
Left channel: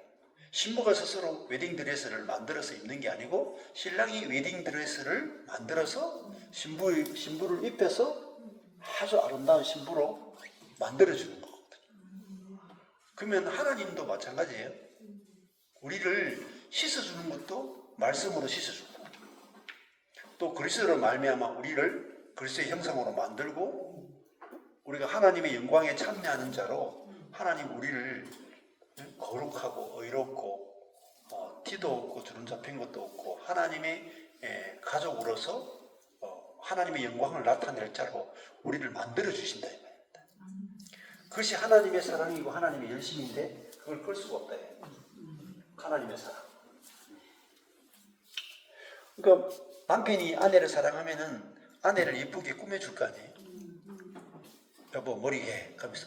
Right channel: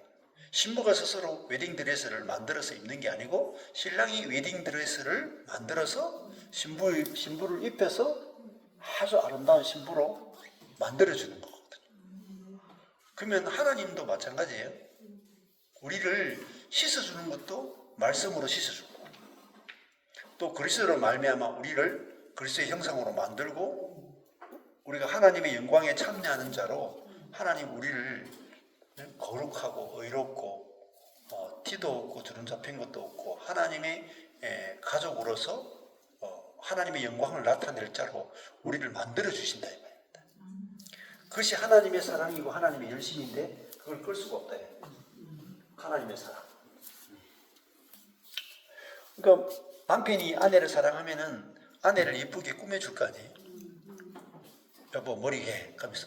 신부가 스스로 웨딩드레스를 만들어서 입는 게 아니고 신랑이 웨딩드레스를 만들어서 신부를 입혀서 아주 아름다운 신부로 만들어주는 거거든요. 그러면 하나님도 마찬가지예요. 우리를 씻어주는 것도 말씀으로 씻어주고 또 그리스도로 말미암아 우리를 그리스도의 형상으로 만들고 우리가 하나님의 영광에 참여하는 자로 하나님 우리를 거룩하고 의롭고 티도 없고 주름 잡힌 것도 없고 하나님의 가족으로서 하나님의 영광을 나타낼 자로 우리를 만들어 주신다 이 말입니다. 그것이 하나님의 사랑이고 하나님의 열심인데 그걸 끌 수가 없다. 하나님의 사랑. 그러니까 남편이 아내를 사랑하면은 아내를 이쁘게 꾸며줄 거 아니에요. 여보 머리 해. 하면서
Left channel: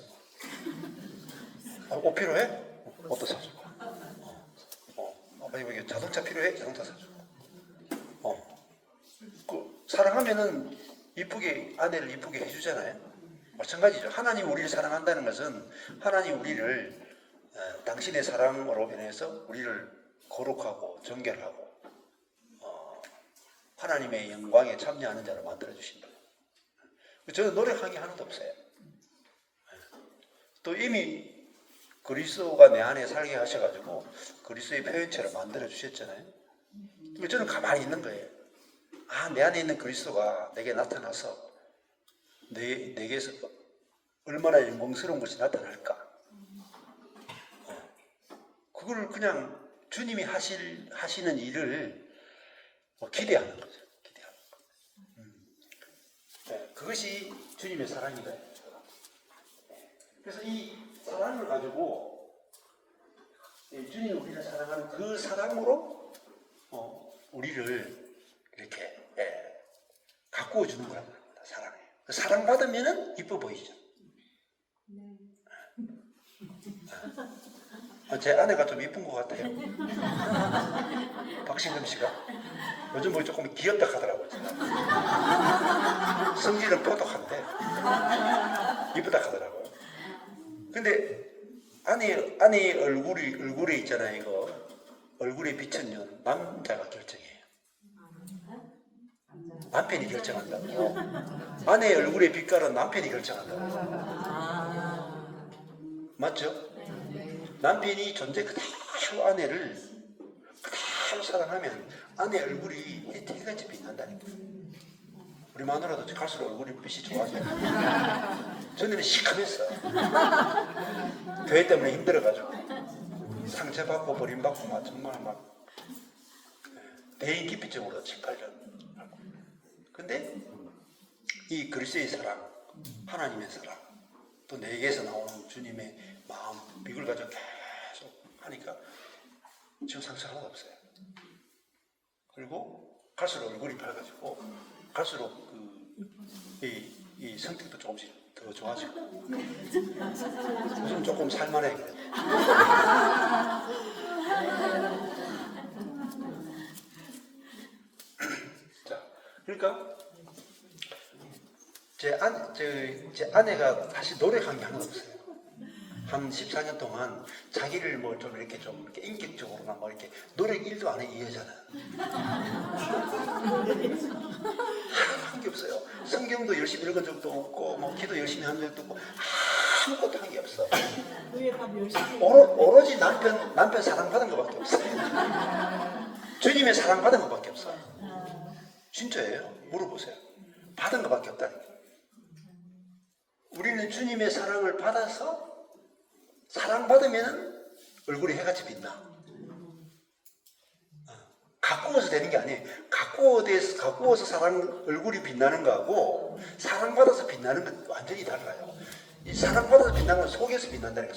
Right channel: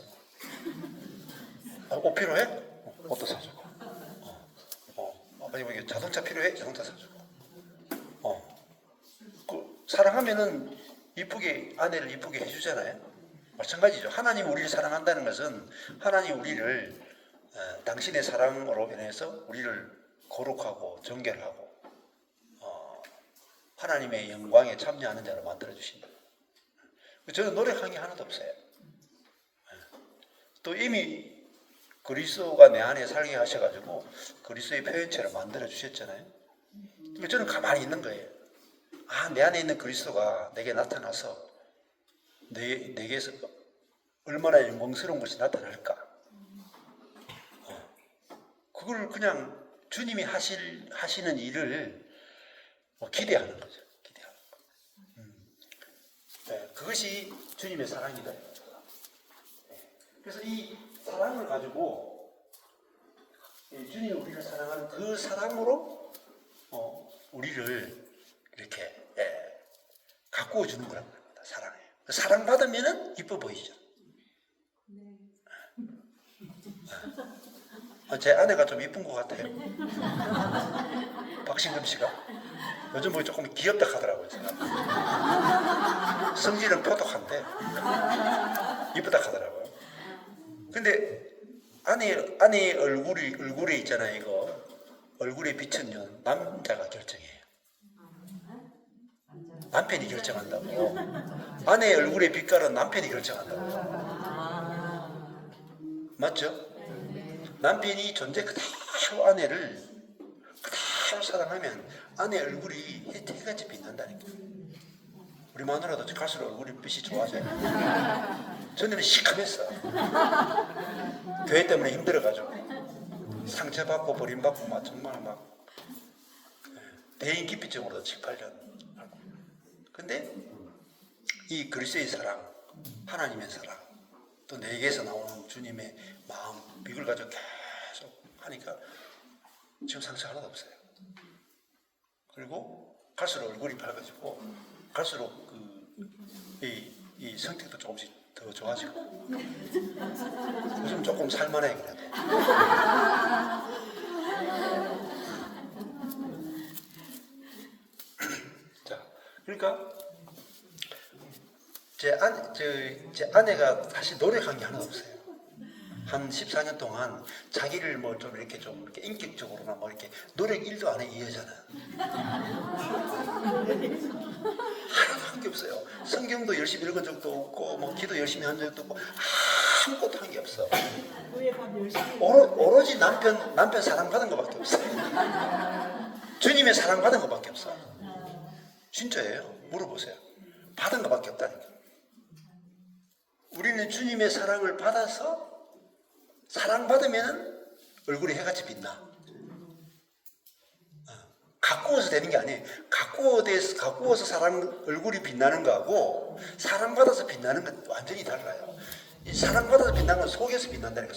옷 필요해? 옷도 사주고. 아니 자동차 필요해? 자동차 사주고. 사랑하면은 이쁘게 아내를 이쁘게 해주잖아요. 마찬가지죠. 하나님 우리를 사랑한다는 것은 하나님 우리를 당신의 사랑으로 인해서 우리를 거룩하고 정결하고 하나님의 영광에 참여하는 자로 만들어 주신다. 저는 노력한 게 하나도 없어요. 또 이미 그리스도가 내 안에 살게 하셔가지고 그리스도의 표현체를 만들어 주셨잖아요. 저는 가만히 있는 거예요. 내 안에 있는 그리스도가 내게 나타나서 내게서 얼마나 영광스러운 것이 나타날까. 그걸 그냥 주님이 하시는 일을 기대하는 거죠. 기대하는 거. 그것이 주님의 사랑이다. 그래서 이 사랑을 가지고 주님이 우리를 사랑하는 그 사랑으로 우리를 이렇게 가꾸어 주는 거란 말입니다. 사랑해. 사랑받으면은 이뻐 보이죠. 제 아내가 좀 이쁜 것 같아요. 박신금 씨가 요즘 뭐 조금 귀엽다 하더라고요. 성질은 포독한데 이쁘다 하더라고요. 근데 아내의 얼굴에 있잖아요. 이거 얼굴에 비추는 남자가 결정해요. 남편이 결정한다고. 아내의 얼굴의 빛깔은 남편이 결정한다고. 맞죠? 남편이 존재 그대로 아내를 그대로 사랑하면 아내 얼굴이 해같이 빛난다니까. 우리 마누라도 갈수록 얼굴이 빛이 좋아져요. 전에는 시커맸어. 교회 때문에 힘들어가지고 상처받고 버림받고 막 정말 막 대인기피증으로 7, 8년. 근데 이 그리스도의 사랑, 하나님의 사랑, 또 내게서 나오는 주님의 마음, 이걸 가지고 계속 하니까 지금 상처 하나도 없어요. 그리고 갈수록 얼굴이 밝아지고 갈수록 이 성격도 조금씩 더 좋아지고 요즘 조금 살만해 그래도. 자, 그러니까 제 아내가 사실 노력한 게 하나도 없어요. 한 14년 동안 자기를 뭐 좀 이렇게 인격적으로나 뭐 이렇게 노력 1도 안 해 이 여자는. 하나도 한 게 없어요. 성경도 열심히 읽은 적도 없고 뭐 기도 열심히 한 적도 없고 아무것도 한 게 없어. 오로지 남편 사랑받은 것밖에 없어. 주님의 사랑받은 것밖에 없어. 진짜예요. 물어보세요. 받은 것밖에 없다니까. 우리는 주님의 사랑을 받아서 사랑받으면 얼굴이 해같이 빛나. 가꾸어서 되는 게 아니에요. 가꾸어서 얼굴이 빛나는 거하고 사랑받아서 빛나는 건 완전히 달라요. 이 사랑받아서 빛나는 건 속에서 빛난다니까.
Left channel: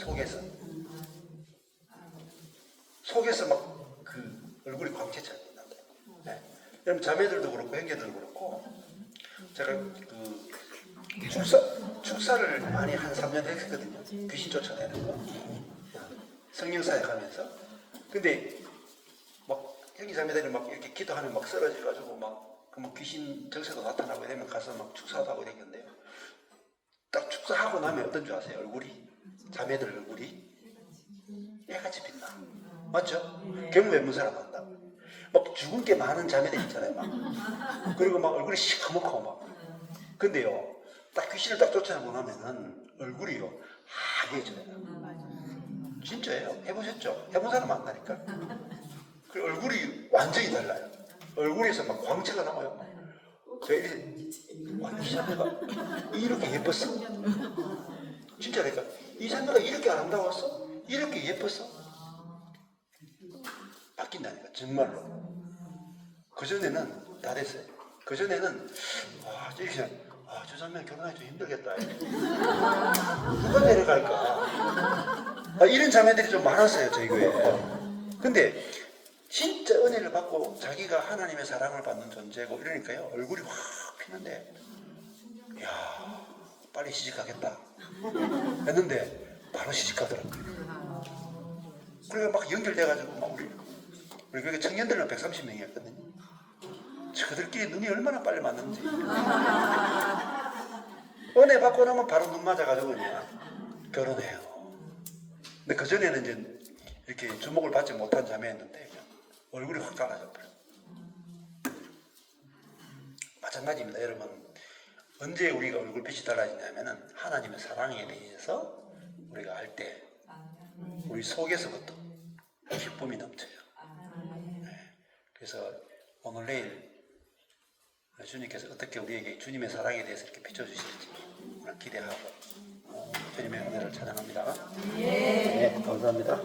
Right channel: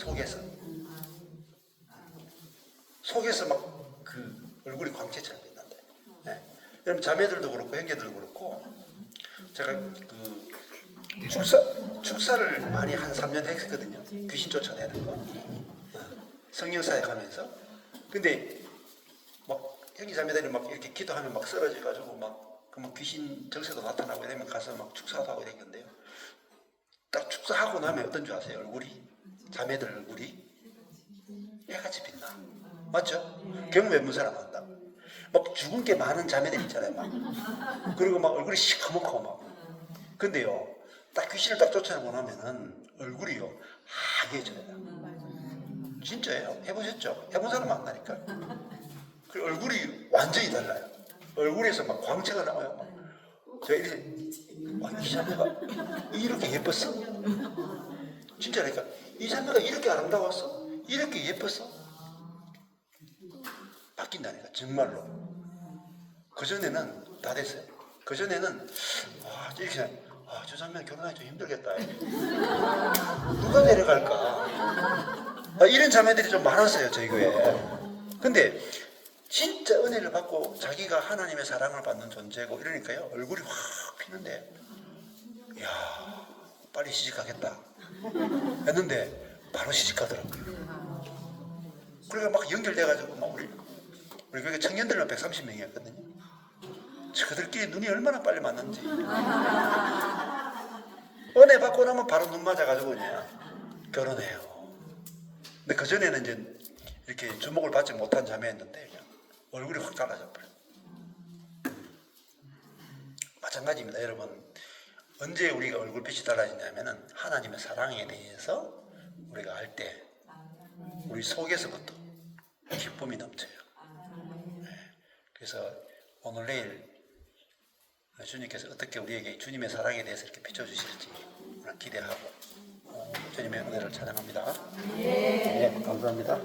속에서 막 그 얼굴이 광채처럼 빛난다. 네. 여러분 자매들도 그렇고 형제들도 그렇고 제가 축사를 많이 한 3년 했거든요. 귀신 쫓아내는 거. 성령사역 하면서. 근데 막 형제 자매들이 막 이렇게 기도하면 막 쓰러져가지고 막 귀신 정세도 나타나고 되면 가서 막 축사도 하고 되겠는데요. 딱 축사하고 나면 어떤 줄 아세요? 얼굴이 자매들 얼굴이 애같이 빛나. 맞죠? 경험해 본 사람 안다. 막 죽은 게 많은 자매들 있잖아요. 막. 그리고 막 얼굴이 시커멓고 막. 근데요, 딱 귀신을 딱 쫓아내고 나면은 얼굴이요 하얘져요. 진짜예요. 해보셨죠? 해본 사람 만나니까. 그 얼굴이 완전히 달라요. 얼굴에서 막 광채가 나와요. 제가 이 자매가 이렇게 예뻤어? 진짜니까 이 자매가 이렇게 아름다웠어? 이렇게 예뻤어? 정말로. 그전에는 다 됐어요. 그전에는 이렇게 저 장면 결혼하기 좀 힘들겠다. 누가 데려갈까? 이런 자매들이 좀 많았어요, 저희 교회에. 근데 진짜 은혜를 받고 자기가 하나님의 사랑을 받는 존재고 이러니까요, 얼굴이 확 피는데, 이야, 빨리 시집가겠다 했는데 바로 시집가더라고요. 그러니까 막 연결돼가지고 막 우리 교회 청년들만 130명이었거든요. 저들끼리 눈이 얼마나 빨리 맞는지. 은혜 받고 나면 바로 눈 맞아가지고 그냥 결혼해요. 근데 그전에는 이제 이렇게 주목을 받지 못한 자매였는데 얼굴이 확 달라져 버려요. 마찬가지입니다, 여러분. 언제 우리가 얼굴빛이 달라지냐면은 하나님의 사랑에 대해서 우리가 알 때 우리 속에서부터 기쁨이 넘쳐요. 그래서 오늘 내일 주님께서 어떻게 우리에게 주님의 사랑에 대해서 이렇게 비춰주실지 기대하고 주님의 은혜를 찬양합니다. 네, 감사합니다.